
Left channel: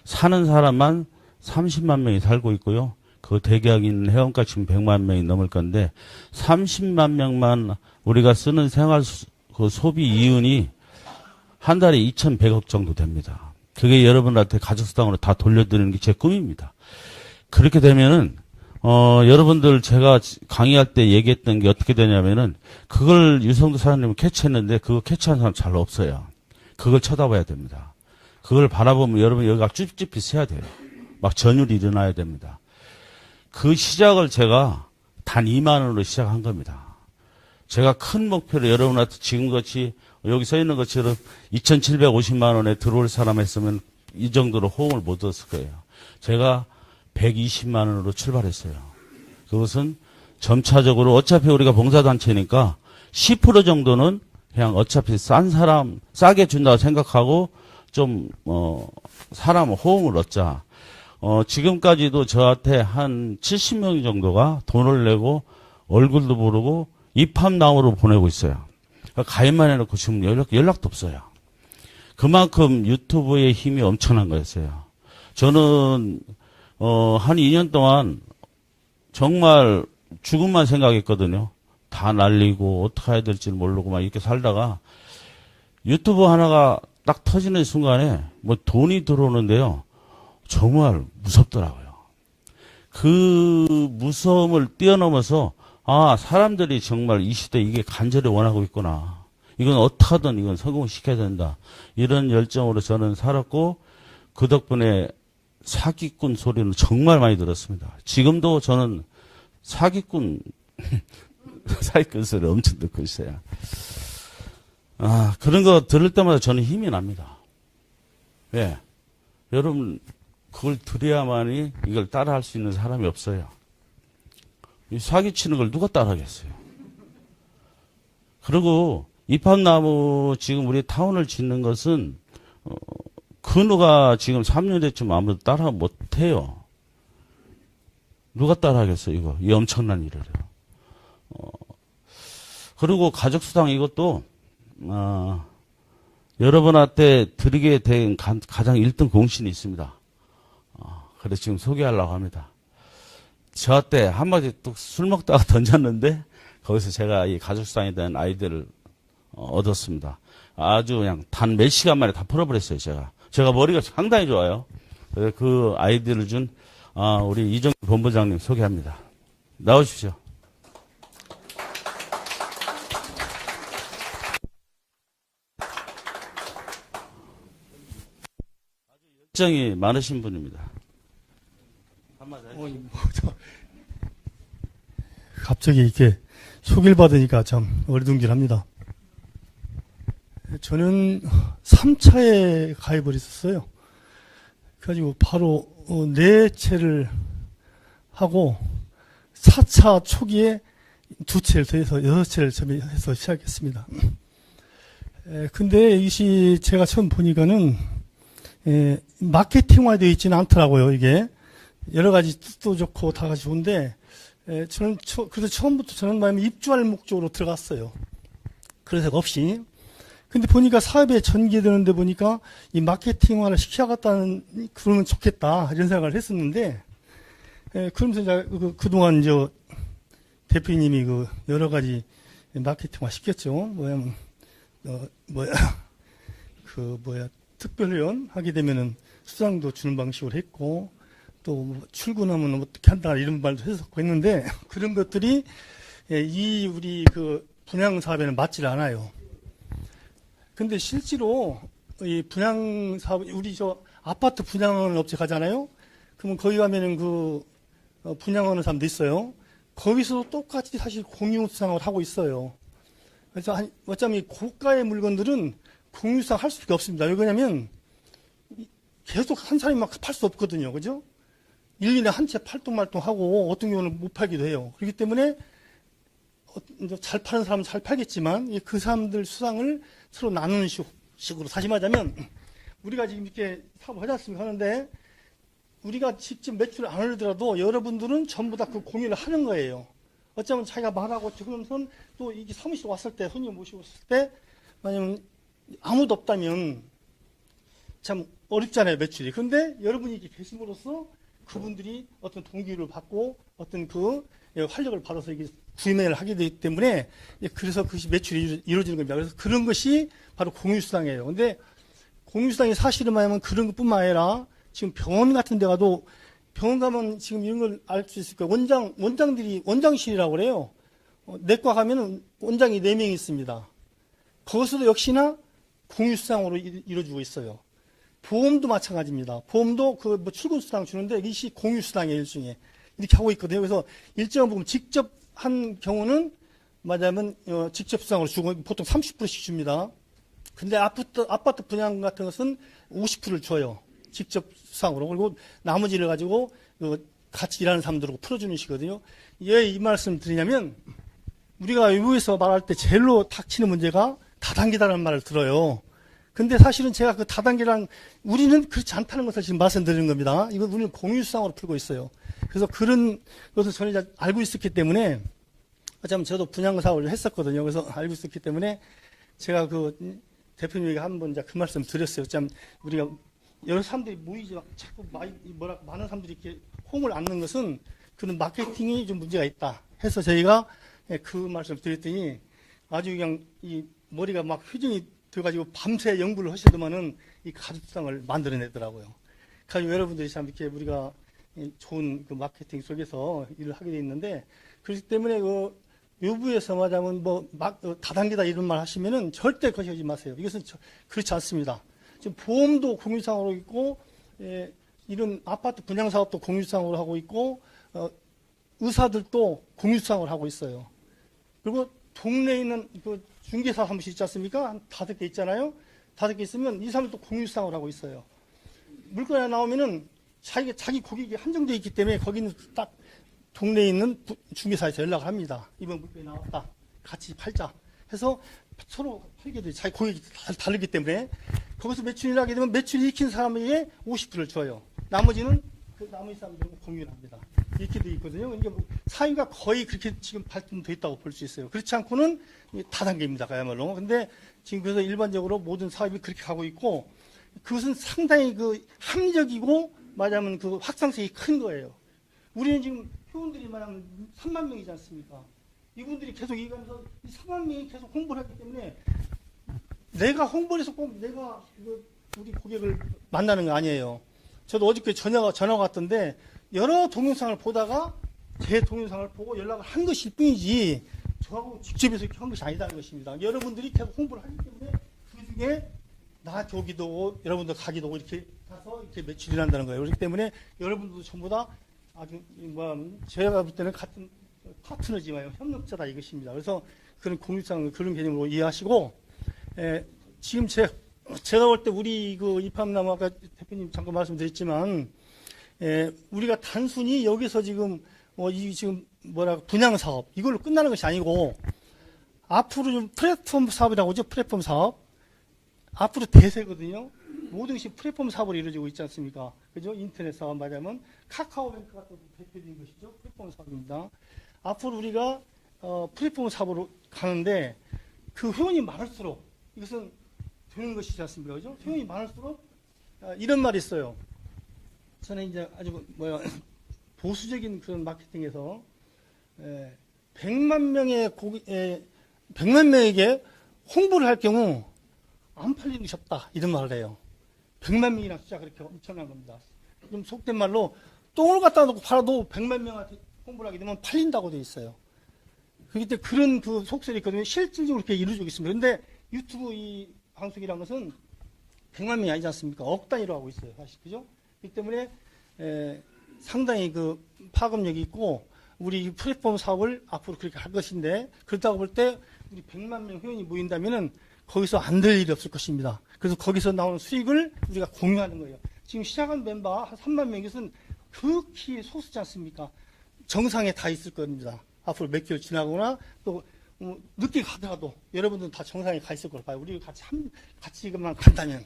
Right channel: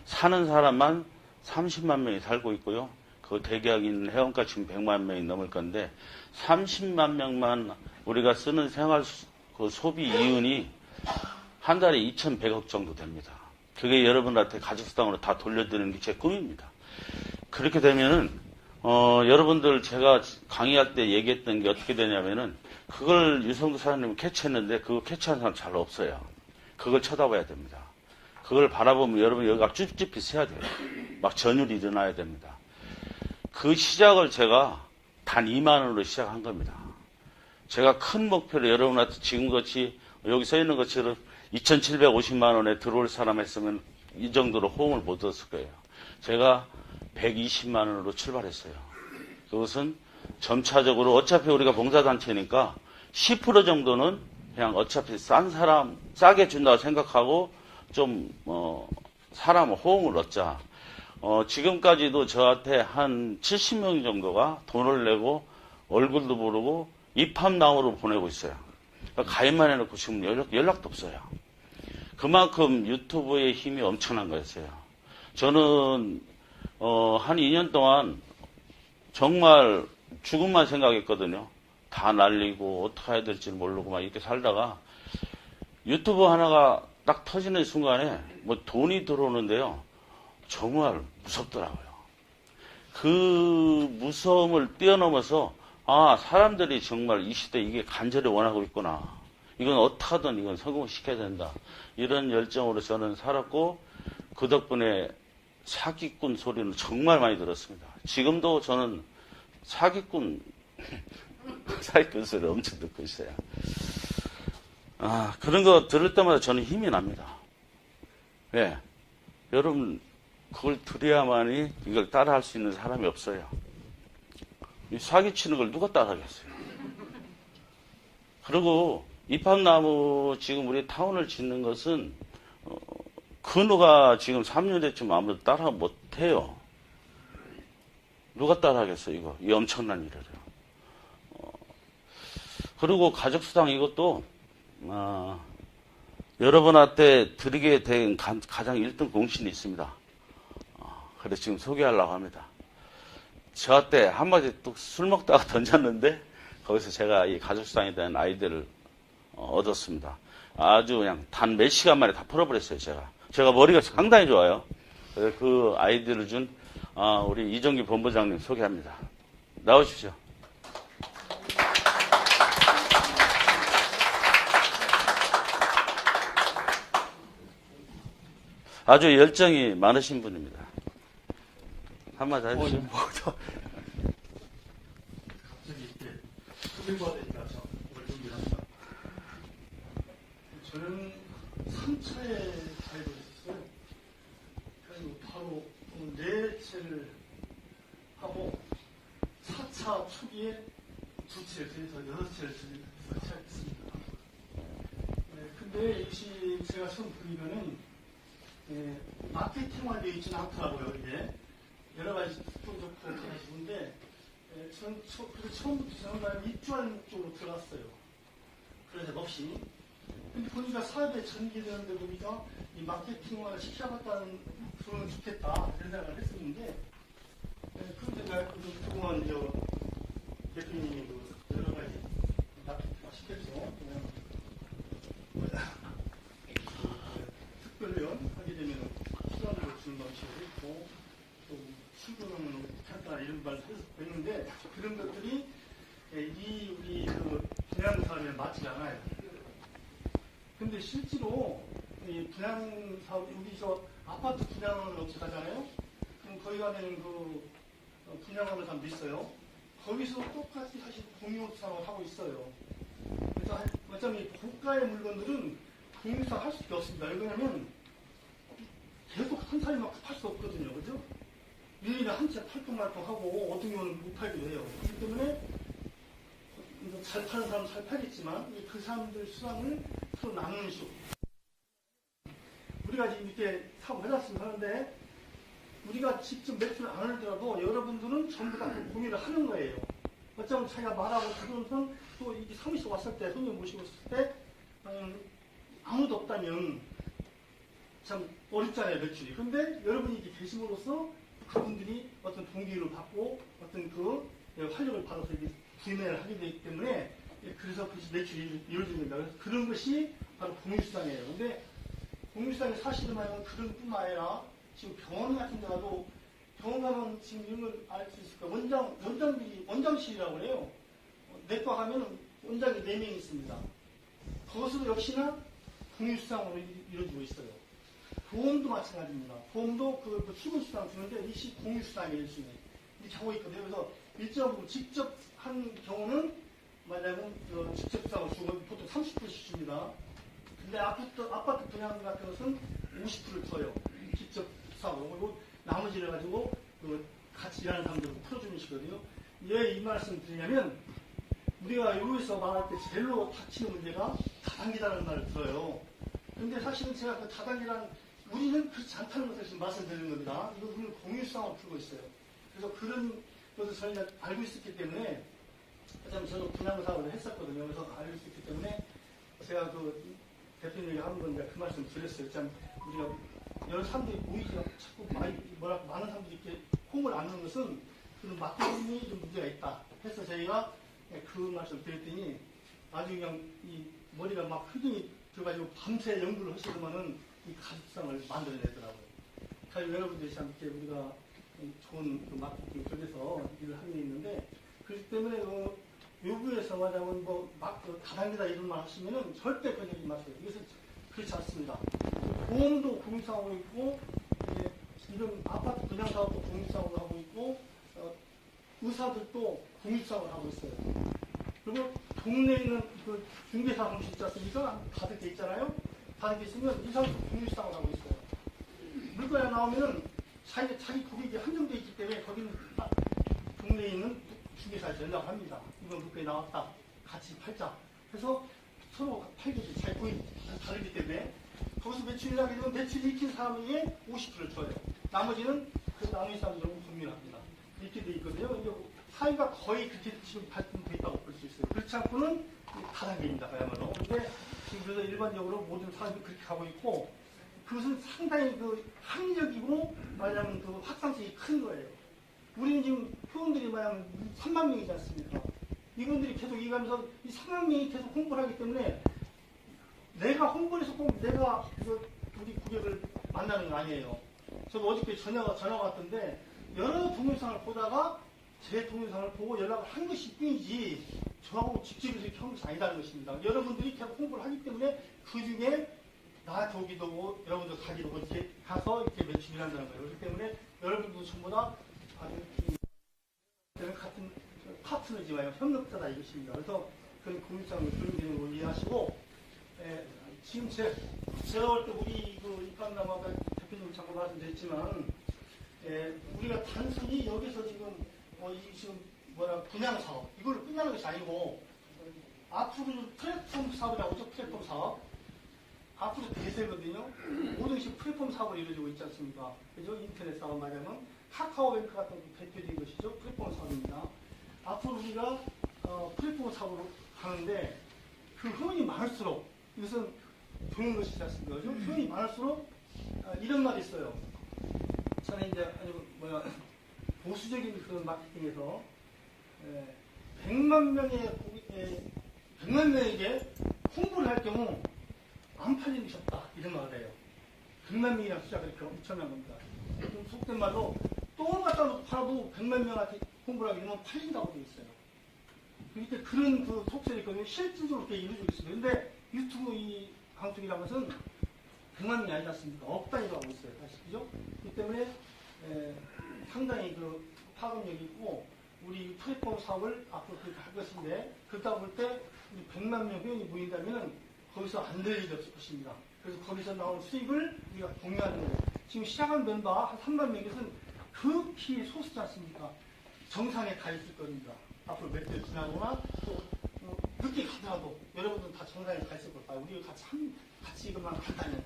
사는 사람만 30만 명이 살고 있고요. 그 대기하고 있는 회원가 지금 100만 명이 넘을 건데 30만 명만 우리가 쓰는 생활 그 소비 이윤이 한 달에 2,100억 정도 됩니다. 그게 여러분한테 가족수당으로 다 돌려드리는 게 제 꿈입니다. 그렇게 되면은 여러분들 제가 강의할 때 얘기했던 게 어떻게 되냐면은 그걸 유성도 사장님은 캐치했는데 그거 캐치한 사람 잘 없어요. 그걸 쳐다봐야 됩니다. 그걸 바라보면 여러분 여기가 쭈삣쭈삣 세야 돼요. 막 전율이 일어나야 됩니다. 그 시작을 제가 단 2만 원으로 시작한 겁니다. 제가 큰 목표를 여러분한테 지금같이 여기 써 있는 것처럼 2,750만 원에 들어올 사람 했으면 이 정도로 호응을 못 얻었을 거예요. 제가 120만 원으로 출발했어요. 그것은 점차적으로 어차피 우리가 봉사단체니까 10% 정도는 그냥 어차피 싼 사람 싸게 준다고 생각하고 좀 사람 호응을 얻자. 지금까지도 저한테 한 70명 정도가 돈을 내고 얼굴도 모르고 입함나무로 보내고 있어요. 가입만 해놓고 지금 연락도 없어요. 그만큼 유튜브의 힘이 엄청난 거였어요. 저는 한 2년 동안 정말 죽음만 생각했거든요. 다 날리고 어떻게 해야 될지 모르고 막 이렇게 살다가 유튜브 하나가 딱 터지는 순간에 뭐 돈이 들어오는데요. 정말 무섭더라고요. 그 무서움을 뛰어넘어서 아, 사람들이 정말 이 시대에 이게 간절히 원하고 있구나. 이건 어떻게든 이건 성공을 시켜야 된다. 이런 열정으로 저는 살았고 그 덕분에 사기꾼 소리는 정말 많이 들었습니다. 지금도 저는 사기꾼 소리 엄청 듣고 있어요. 그런 거 들을 때마다 저는 힘이 납니다. 네. 여러분 그걸 들어야만이 이걸 따라할 수 있는 사람이 없어요. 이 사기치는 걸 누가 따라하겠어요. 그리고 이팝나무 지금 우리 타운을 짓는 것은 근우가 지금 3년 됐지만 아무도 따라 못해요. 누가 따라하겠어요, 이거. 이 엄청난 일을. 그리고 가족수당 이것도, 여러분한테 드리게 된 가장 1등 공신이 있습니다. 그래서 지금 소개하려고 합니다. 저한테 한마디 또 술 먹다가 던졌는데, 거기서 제가 이 가족수당에 대한 아이디어를 얻었습니다. 아주 그냥 단 몇 시간 만에 다 풀어버렸어요, 제가 머리가 상당히 좋아요. 그 아이디어를 준 우리 이정규 본부장님 소개합니다. 나오십시오. 아주 열정이 많으신 분입니다. 한마디 하시죠. 갑자기 이렇게 소개를 받으니까 참 어리둥절합니다. 저는 3차에 가입을 했었어요. 그래가지고 바로 4채를 하고 4차 초기에 2채를 더해서 6채를 해서 시작했습니다. 근데 이것이 제가 처음 보니까는 마케팅화되어 있지는 않더라고요. 이게 여러 가지 뜻도 좋고 다 좋은데 저는 그래서 처음부터 저는 마음에 입주할 목적으로 들어갔어요. 그래서 없이. 근데 보니까 사업에 전개되는데 보니까 이 마케팅화를 시켜야겠다는 그러면 좋겠다 이런 생각을 했었는데 그러면서 이제 그동안 이제 대표님이 그 여러 가지 마케팅화 시켰죠. 특별회원 하게 되면은 수당도 주는 방식으로 했고 또 출근하면 어떻게 한다 이런 말도 했었는데 그런 것들이 이 우리 그 분양 사업에는 맞질 않아요. 근데 실제로 이 분양 사업 우리 저 아파트 분양하는 업체 가잖아요. 그러면 거기 가면은 그 분양하는 사람도 있어요. 거기서도 똑같이 사실 공유수당을 하고 있어요. 그래서 어차피 고가의 물건들은 공유수당 할 수밖에 없습니다. 왜 그러냐면 계속 한 사람이 막 팔 수 없거든요. 그죠? 1년에 한 채 팔동말동하고 어떤 경우는 못 팔기도 해요. 그렇기 때문에 잘 파는 사람은 잘 팔겠지만 그 사람들 수당을 서로 나누는 식으로 다시 말하자면 우리가 지금 이렇게 사업을 하지 않습니까? 하는데 우리가 직접 매출을 안 올리더라도 여러분들은 전부 다 그 공유를 하는 거예요. 어쩌면 자기가 말하고 들으면서 또 이게 사무실 왔을 때 손님 모시고 왔을 때 만약에 아무도 없다면 참 어렵잖아요, 매출이. 그런데 여러분이 이렇게 계심으로써 그분들이 어떤 동기를 받고 어떤 그 활력을 받아서 이게 구매를 하게 되기 때문에 그래서 그것이 매출이 이루어지는 겁니다. 그래서 그런 것이 바로 공유수당이에요. 근데 공유수당이 사실은 말하면 그런 것뿐만 아니라 지금 병원 같은 데 가도 병원 가면 지금 이런 걸 알 수 있을 거예요. 원장들이 원장실이라고 그래요. 내과 가면 원장이 4명이 있습니다. 거기서도 역시나 공유수당으로 이루어지고 있어요. 보험도 마찬가지입니다. 보험도 그 뭐 출근수당 주는데 이것이 공유수당의 일종에 이렇게 하고 있거든요. 그래서 일정한 부분 직접 한 경우는 말하자면 직접 수당으로 주고 보통 30%씩 줍니다. 근데 아파트 분양 같은 것은 50%를 줘요. 직접 수당으로. 그리고 나머지를 가지고 같이 일하는 사람들하고 풀어주는 식이거든요. 왜 이 말씀 드리냐면 우리가 외부에서 말할 때 제일로 닥치는 문제가 다단계다라는 말을 들어요. 근데 사실은 제가 그 다단계란 우리는 그렇지 않다는 것을 지금 말씀드리는 겁니다. 이건 우리는 공유수당으로 풀고 있어요. 그래서 그런 것을 저는 이제 알고 있었기 때문에 참 저도 분양 사업을 했었거든요. 그래서 알고 있었기 때문에 제가 그 대표님에게 한번 그 말씀 드렸어요. 참 우리가 여러 사람들이 모이지 자꾸 많은 사람들이 이렇게 홈을 안는 것은 그런 마케팅이 좀 문제가 있다. 해서 저희가 그 말씀 드렸더니 아주 그냥 이 머리가 막 회전이 돼가지고 밤새 연구를 하시더만은 이 가족상을 만들어내더라고요. 그러니까 여러분들이 참 이렇게 우리가 좋은 그 마케팅 속에서 일을 하게 돼 있는데 그렇기 때문에 그 외부에서 말하자면 다단계다 이런 말 하시면은 절대 그러지 마세요. 이것은 그렇지 않습니다. 보험도 공유상으로 있고 이런 아파트 분양 사업도 공유상으로 하고 있고 의사들도 공유상으로 하고 있어요. 그리고 동네에 있는 그 중개사 사무실 있지 않습니까? 5개 있잖아요. 5개 있으면 이 사람도 공유상으로 하고 있어요. 물건이 하나 나오면은 자기 고객이 한정되어 있기 때문에 거기는 딱 동네에 있는 중개사에서 연락을 합니다. 이번 물건이 나왔다. 같이 팔자. 해서 서로 팔게 돼요. 자기 고객이 다르기 때문에. 거기서 매출이 나게 되면 매출이 익힌 사람에게 50%를 줘요. 나머지는 그 나머지 사람들하고 공유를 합니다. 이렇게 돼 있거든요. 그러니까 사회가 거의 그렇게 지금 발전되어 있다고 볼 수 있어요. 그렇지 않고는 다단계입니다. 그야말로. 근데 지금 그래서 일반적으로 모든 사업이 그렇게 가고 있고 그것은 상당히 그 합리적이고 말하자면 그 확장성이 큰 거예요. 우리는 지금 회원들이 말하면 3만 명이지 않습니까? 이분들이 계속 얘기하면서 이 3만 명이 계속 홍보를 하기 때문에 내가 홍보를 해서 꼭 내가 우리 고객을 만나는 거 아니에요. 저도 어저께 전화가 왔던데 여러 동영상을 보다가 제 동영상을 보고 연락을 한 것일 뿐이지 저하고 직접해서 이렇게 한 것이 아니다는 것입니다. 여러분들이 계속 홍보를 하기 때문에 그 중에 나한테 오기도 오고 여러분들 가기도 오고 이렇게 가서 이렇게 매출이 난다는 거예요. 그렇기 때문에 여러분들도 전부 다 제가 볼 때는 같은 파트너지만 협력자다 이것입니다. 그래서 그런 공유상 그런 개념으로 이해하시고 지금 제가 볼 때 우리 그 입학남 아까 대표님 잠깐 말씀드렸지만 우리가 단순히 여기서 지금 지금 분양 사업 이걸로 끝나는 것이 아니고 앞으로 플랫폼 사업이라고 하죠. 플랫폼 사업 앞으로 대세거든요. 모든 것이 플랫폼 사업으로 이루어지고 있지 않습니까? 그죠? 인터넷 사업 말하면 카카오뱅크 같은 대표적인 것이죠. 플랫폼 사업입니다. 앞으로 우리가 플랫폼 사업으로 가는데 그 회원이 많을수록 이것은 되는 것이지 않습니까? 그죠? 회원이 많을수록 이런 말이 있어요. 저는 이제 아주 보수적인 그런 마케팅에서 100만 명에게 홍보를 할 경우 안 팔리는 것이 없다. 이런 말을 해요. 100만 명이라는 숫자가 그렇게 엄청난 겁니다. 좀 속된 말로 똥을 갖다 놓고 팔아도 100만 명한테 홍보를 하게 되면 팔린다고 되어 있어요. 그렇기 때문에 그런 그 속설이 있거든요. 실질적으로 그렇게 이루어지고 있습니다. 그런데 유튜브 이 방송이라는 것은 100만 명이 아니지 않습니까? 억 단위로 하고 있어요. 사실, 그죠? 그렇기 때문에 상당히 그 파급력이 있고 우리 플랫폼 사업을 앞으로 그렇게 할 것인데 그렇다고 볼 때 우리 100만 명 회원이 모인다면은 거기서 안 될 일이 없을 것입니다. 그래서 거기서 나오는 수익을 우리가 공유하는 거예요. 지금 시작한 멤버 한 3만 명이것은 극히 소수지 않습니까? 정상에 다 있을 겁니다. 앞으로 몇 개월 지나거나 또 늦게 가더라도 여러분들은 다 정상에 가 있을 걸 봐요. 우리가 같이 이것만 간다면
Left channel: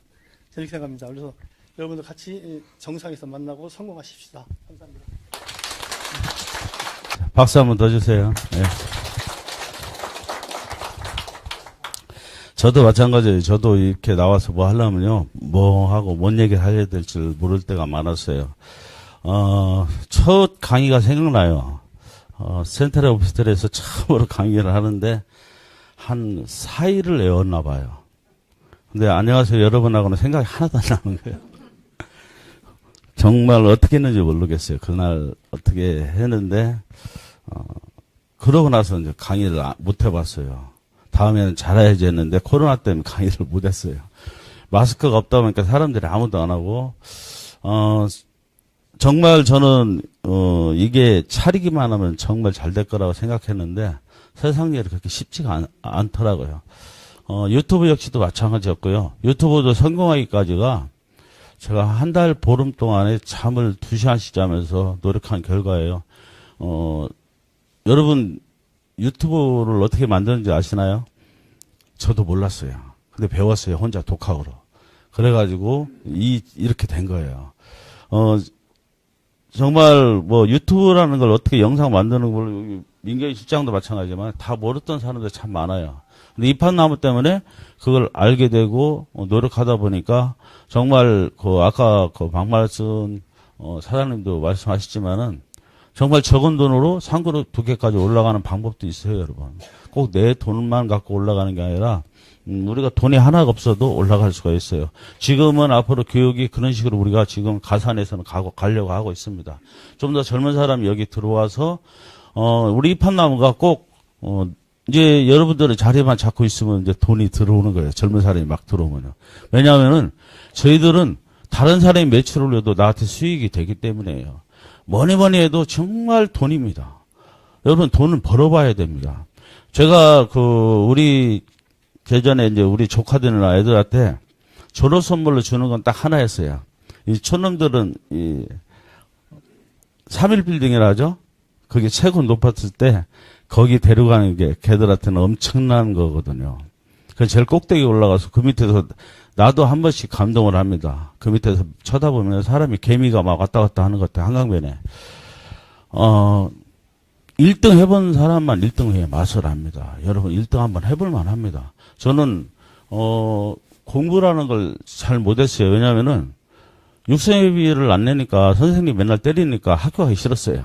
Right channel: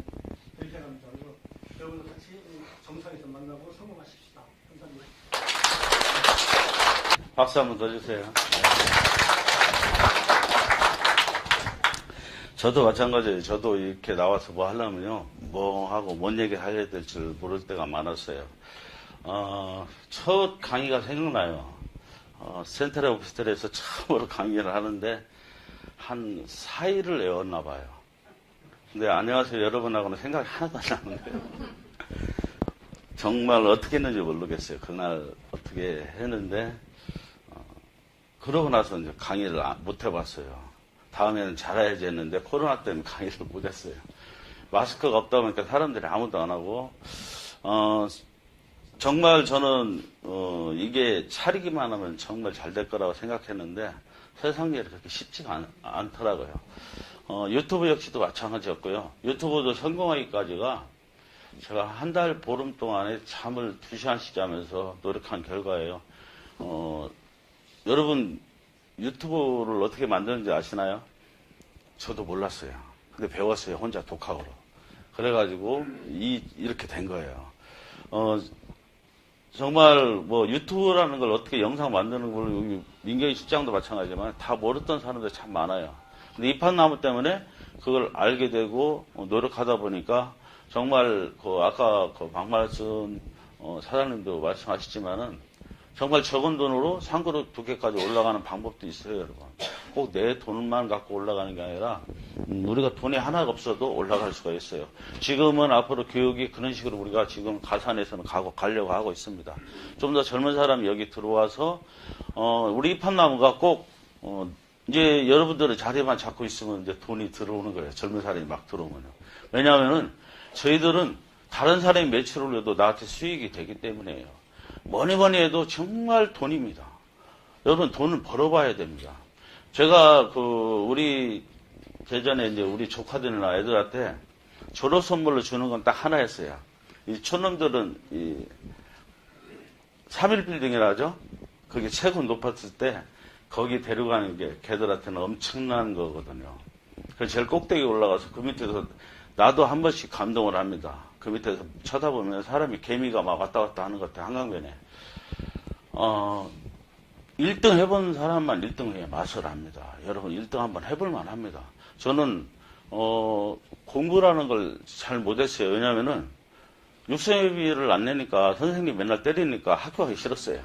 이렇게 생각합니다. 그래서 여러분들 같이 정상에서 만나고 성공하십시다. 감사합니다. 박수 한번 더 주세요. 네. 저도 마찬가지예요. 저도 이렇게 나와서 뭐 하려면요, 뭐 하고 뭔 얘기를 해야 될지 모를 때가 많았어요. 첫 강의가 생각나요. 센트럴 오피스텔에서 처음으로 강의를 하는데 한 4일을 외웠나 봐요. 근데 안녕하세요 여러분하고는 생각이 하나도 안 나는데요. 정말 어떻게 했는지 모르겠어요. 그날 어떻게 했는데 그러고 나서 이제 강의를 못 해봤어요. 다음에는 잘해야지 했는데 코로나 때문에 강의를 못 했어요. 마스크가 없다 보니까 사람들이 아무도 안 하고 정말 저는 이게 차리기만 하면 정말 잘 될 거라고 생각했는데 세상 일이 그렇게 쉽지가 않더라고요. 유튜브 역시도 마찬가지였고요. 유튜브도 성공하기까지가 제가 한 달 보름 동안에 잠을 2시간씩 자면서 노력한 결과예요. 여러분 유튜브를 어떻게 만드는지 아시나요? 저도 몰랐어요. 근데 배웠어요. 혼자 독학으로. 그래가지고 이렇게 된 거예요. 정말 뭐 유튜브라는 걸 어떻게 영상 만드는 걸 민경희 실장도 마찬가지지만 다 모르던 사람들 참 많아요. 근데 이판나무 때문에 그걸 알게 되고 노력하다 보니까 정말 아까 박말순 사장님도 말씀하셨지만은 정말 적은 돈으로 상그룹 2개까지 올라가는 방법도 있어요, 여러분. 꼭 내 돈만 갖고 올라가는 게 아니라 우리가 돈이 하나가 없어도 올라갈 수가 있어요. 지금은 앞으로 교육이 그런 식으로 우리가 지금 가산에서는 가려고 하고 있습니다. 좀 더 젊은 사람이 여기 들어와서 우리 이판나무가 꼭 이제 여러분들은 자리만 잡고 있으면 이제 돈이 들어오는 거예요. 젊은 사람이 막 들어오면요. 왜냐하면은 저희들은 다른 사람이 매출을 올려도 나한테 수익이 되기 때문에요. 뭐니 해도 정말 돈입니다. 여러분 돈은 벌어봐야 됩니다. 제가 우리 예전에 이제 우리 조카들이나 애들한테 졸업 선물로 주는 건 딱 하나였어요. 이 촌놈들은 3일 빌딩이라 하죠. 그게 최고 높았을 때 거기 데려가는 게 걔들한테는 엄청난 거거든요. 그래서 제일 꼭대기 올라가서 그 밑에서 나도 한 번씩 감동을 합니다. 그 밑에서 쳐다보면 사람이 개미가 막 왔다 갔다 하는 것 같아요. 한강변에. 1등 해본 사람만 1등의 맛을 압니다. 여러분 1등 한번 해볼만 합니다. 저는 공부라는 걸 잘 못했어요. 왜냐하면은 육성회비를 안 내니까 선생님 맨날 때리니까 학교 가기 싫었어요.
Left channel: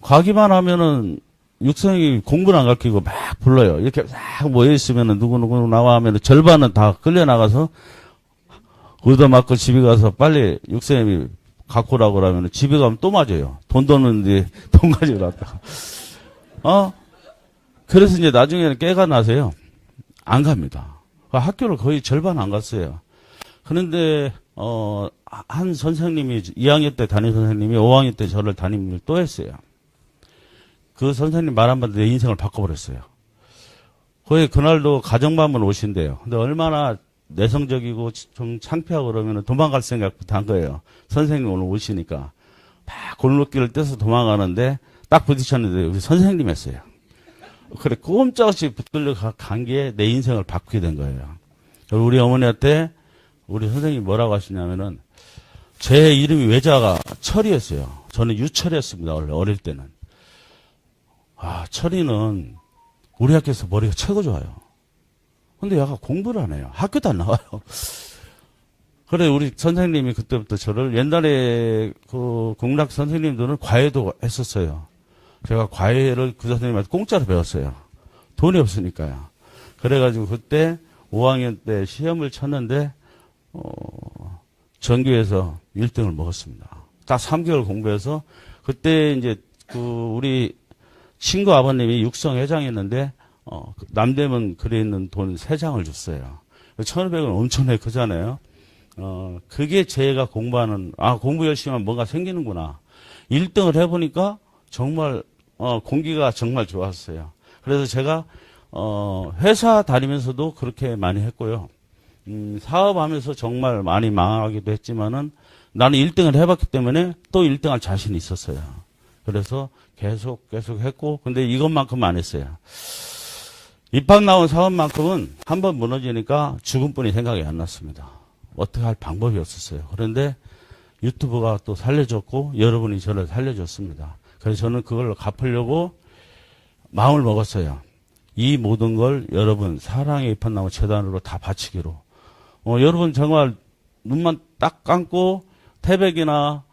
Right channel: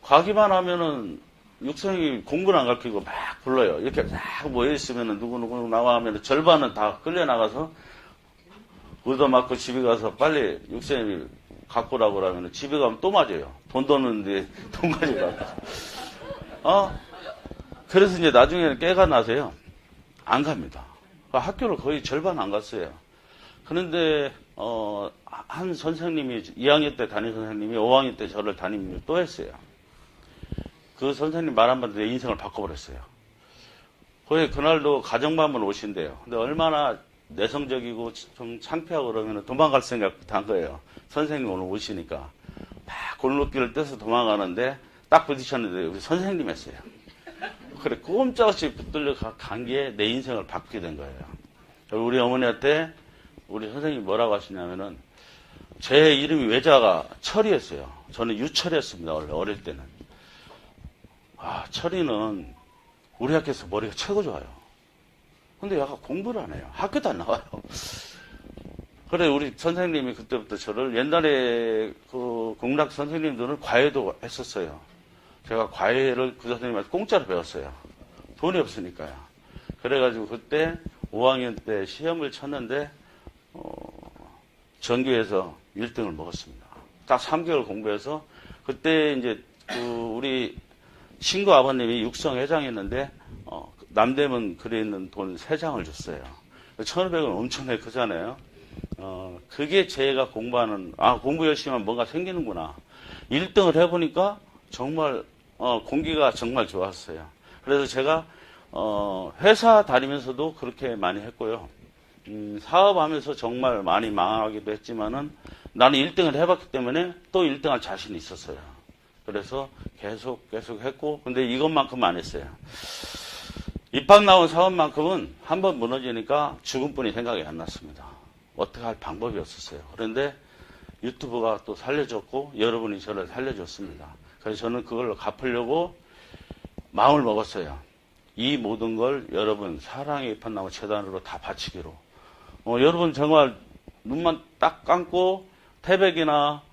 가기만 하면은 육성회비 공부를 안 가르치고 막 불러요. 이렇게 막 모여있으면은 누구 나와 하면은 절반은 다 끌려나가서 얻어맞고 집에 가서 빨리 육성회비 갖고 오라고 그러면 집에 가면 또 맞아요. 돈 뒀는데 돈 가지고 갖고. 그래서 이제 나중에는 깨가 나서요. 안 갑니다. 학교를 거의 절반 안 갔어요. 그런데 한 선생님이 2학년 때 담임 선생님이 5학년 때 저를 담임을 또 했어요. 그 선생님 말 한마디 내 인생을 바꿔버렸어요. 거의 그날도 가정반문 오신대요. 근데 얼마나 내성적이고 좀 창피하고 그러면 도망갈 생각부터 한 거예요. 선생님 오늘 오시니까 막 골목길을 떼서 도망가는데 딱 부딪혔는데 우리 선생님 했어요. 그래 꼼짝없이 붙들려 간 게 내 인생을 바꾸게 된 거예요. 우리 어머니한테 우리 선생님이 뭐라고 하시냐면은 제 이름이 외자가 철이었어요. 저는 유철이었습니다. 원래 어릴 때는. 철이는 우리 학교에서 머리가 최고 좋아요. 근데 얘가 공부를 안 해요. 학교도 안 나와요. 그래 우리 선생님이 그때부터 저를 옛날에 그 국락 선생님들은 과외도 했었어요. 제가 과외를 그 선생님한테 공짜로 배웠어요. 돈이 없으니까요. 그래가지고 그때 5학년 때 시험을 쳤는데 전교에서 1등을 먹었습니다. 딱 3개월 공부해서 그때 이제 우리 친구 아버님이 육성회장이었는데 남대문 글에 있는 돈 3장을 줬어요. 1,500원 엄청나게 크잖아요. 그게 제가 공부하는 공부 열심히 하면 뭔가 생기는구나. 1등을 해보니까 정말 공기가 정말 좋았어요. 그래서 제가 회사 다니면서도 그렇게 많이 했고요. 사업하면서 정말 많이 망하기도 했지만은 나는 1등을 해봤기 때문에 또 1등할 자신이 있었어요. 그래서 계속 했고 근데 이것만큼 안 했어요. 입학 나온 사업만큼은 한번 무너지니까 죽은 뿐이 생각이 안 났습니다. 어떻게 할 방법이 없었어요. 그런데 유튜브가 또 살려줬고 여러분이 저를 살려줬습니다. 그래서 저는 그걸 갚으려고 마음을 먹었어요. 이 모든 걸 여러분 사랑의 입학나무 재단으로 다 바치기로. 여러분 정말 눈만 딱 감고 태백이나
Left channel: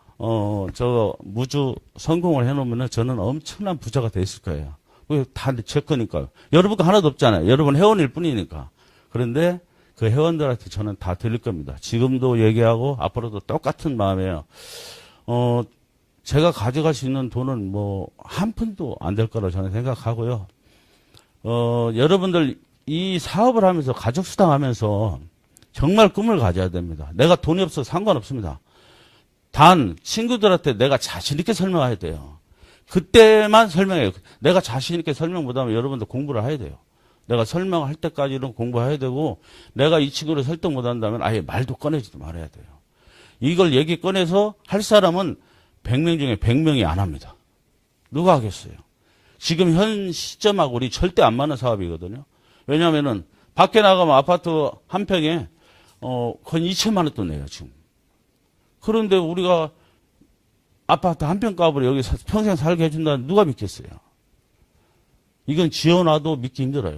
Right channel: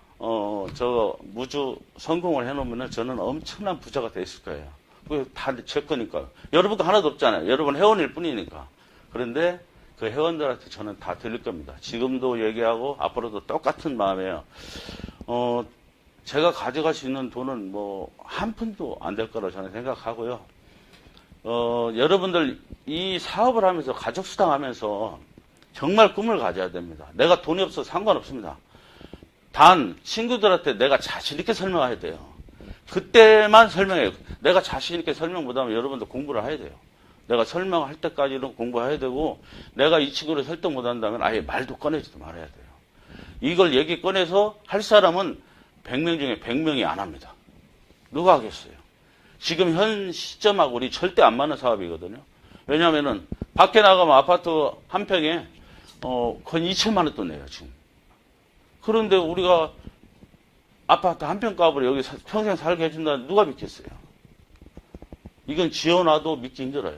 저 무주 성공을 해놓으면 저는 엄청난 부자가 돼 있을 거예요. 그게 다 제 거니까요. 여러분도 하나도 없잖아요. 여러분 회원일 뿐이니까. 그런데 그 회원들한테 저는 다 드릴 겁니다. 지금도 얘기하고 앞으로도 똑같은 마음이에요. 제가 가져갈 수 있는 돈은 뭐 한 푼도 안 될 거라고 저는 생각하고요. 여러분들 이 사업을 하면서 가족수당 하면서 정말 꿈을 가져야 됩니다. 내가 돈이 없어도 상관없습니다. 단 친구들한테 내가 자신 있게 설명해야 돼요. 그때만 설명해요. 내가 자신 있게 설명 못하면 여러분들 공부를 해야 돼요. 내가 설명할 때까지는 공부해야 되고 내가 이 친구를 설득 못한다면 아예 말도 꺼내지도 말아야 돼요. 이걸 얘기 꺼내서 할 사람은 100명 중에 100명이 안 합니다. 누가 하겠어요? 지금 현 시점하고 우리 절대 안 맞는 사업이거든요. 왜냐하면은 밖에 나가면 아파트 한 평에 거의 2천만 원 돈 내요 지금. 그런데 우리가 아파트 한 평 값으로 여기서 평생 살게 해준다는 누가 믿겠어요? 이건 지어놔도 믿기 힘들어요.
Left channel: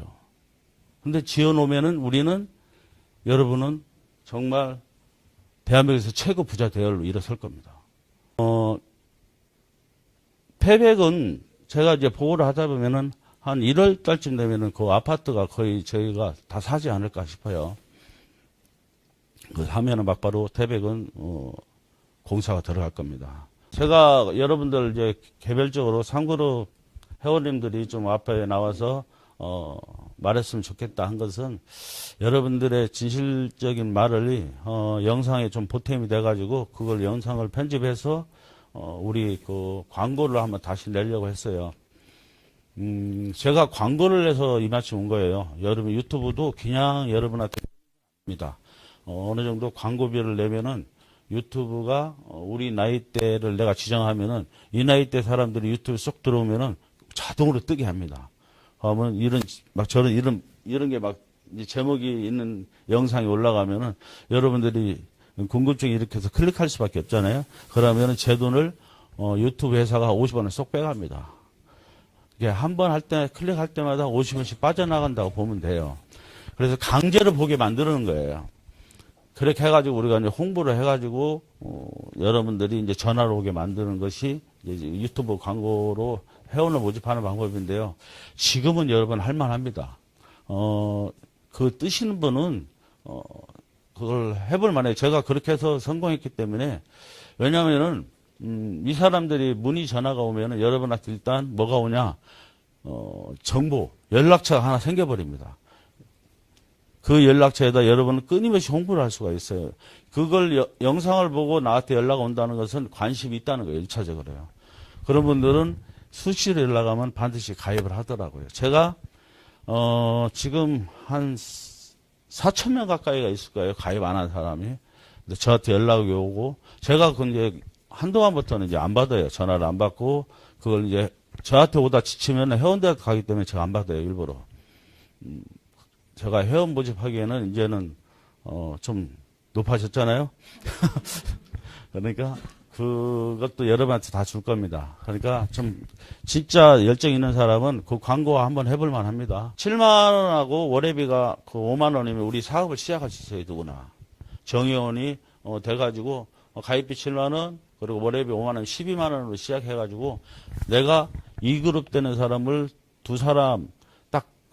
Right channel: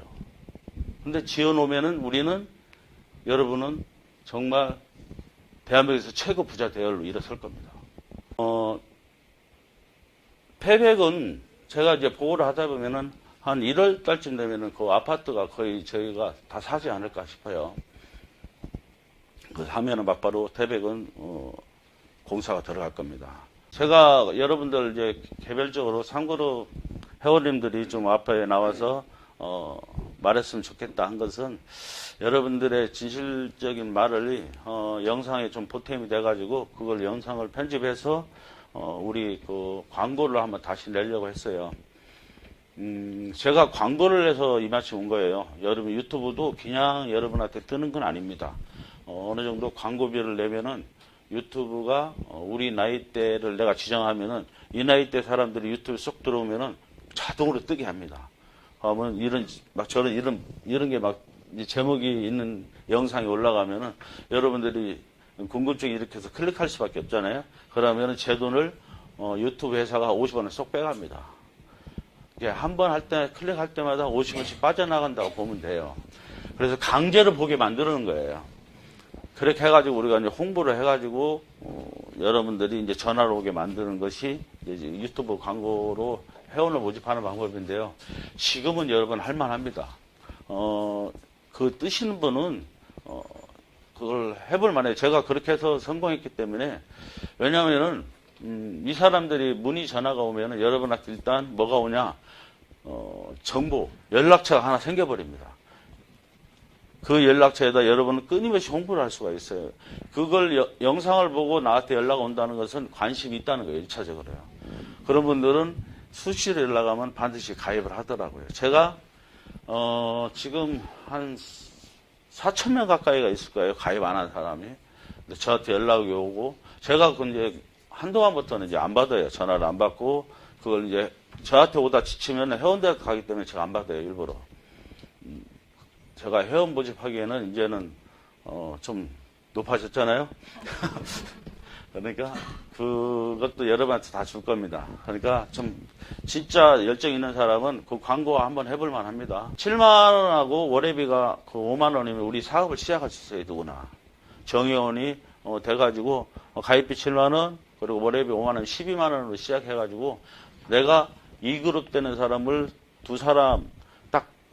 근데 지어놓으면은 우리는 여러분은 정말 대한민국에서 최고 부자 대열로 일어설 겁니다. 폐백은 제가 이제 보고를 하다 보면은 한 1월 달쯤 되면은 그 아파트가 거의 저희가 다 사지 않을까 싶어요. 그 하면은 막바로 태백은 공사가 들어갈 겁니다. 제가 여러분들 이제 개별적으로 상그룹 회원님들이 좀 앞에 나와서 말했으면 좋겠다 한 것은 여러분들의 진실적인 말을 영상에 좀 보탬이 돼가지고 그걸 영상을 편집해서 우리 그 광고를 한번 다시 내려고 했어요. 제가 광고를 해서 이마치 온 거예요. 여러분 유튜브도 그냥 여러분한테 뜨는 건 아닙니다. 어느 정도 광고비를 내면은 유튜브가 우리 나이대를 내가 지정하면은 이 나이대 사람들이 유튜브 쏙 들어오면은 자동으로 뜨게 합니다. 그러면 이런 게 막 제목이 있는 영상이 올라가면은 여러분들이 궁금증이 이렇게 해서 클릭할 수밖에 없잖아요. 그러면은 제 돈을 유튜브 회사가 50원을 쏙 빼갑니다. 한 번 할 때 클릭할 때마다 50원씩 빠져나간다고 보면 돼요. 그래서 강제로 보게 만드는 거예요. 그렇게 해가지고 우리가 이제 홍보를 해가지고 여러분들이 이제 전화로 오게 만드는 것이 이제 유튜브 광고로 회원을 모집하는 방법인데요. 지금은 여러분 할만합니다. 그 뜨시는 분은 그걸 해볼 만해요. 제가 그렇게 해서 성공했기 때문에. 왜냐하면은 이 사람들이 문의 전화가 오면은 여러분한테 일단 뭐가 오냐, 정보 연락처가 하나 생겨버립니다. 그 연락처에다 여러분은 끊임없이 홍보를 할 수가 있어요. 그걸 영상을 보고 나한테 연락 온다는 것은 관심이 있다는 거예요. 1차적으로요. 그런 분들은 수시로 연락하면 반드시 가입을 하더라고요. 제가 지금 한 4,000명 가까이가 있을 거예요. 가입 안 한 사람이. 근데 저한테 연락이 오고 제가 근데 한동안부터는 이제 안 받아요. 전화를 안 받고 그걸 이제 저한테 오다 지치면 회원들한테 가기 때문에 제가 안 받아요. 일부러. 제가 회원 모집하기에는 이제는 좀 높아졌잖아요. 그러니까 그것도 여러분한테 다 줄 겁니다. 그러니까 좀 진짜 열정 있는 사람은 그 광고 한번 해볼 만합니다. 7만 원하고 월회비가 그 5만 원이면 우리 사업을 시작할 수 있어요. 누구나. 정의원이 돼가지고 가입비 7만 원 그리고 월회비 5만 원 12만 원으로 시작해가지고 내가 2그룹 되는 사람을 두 사람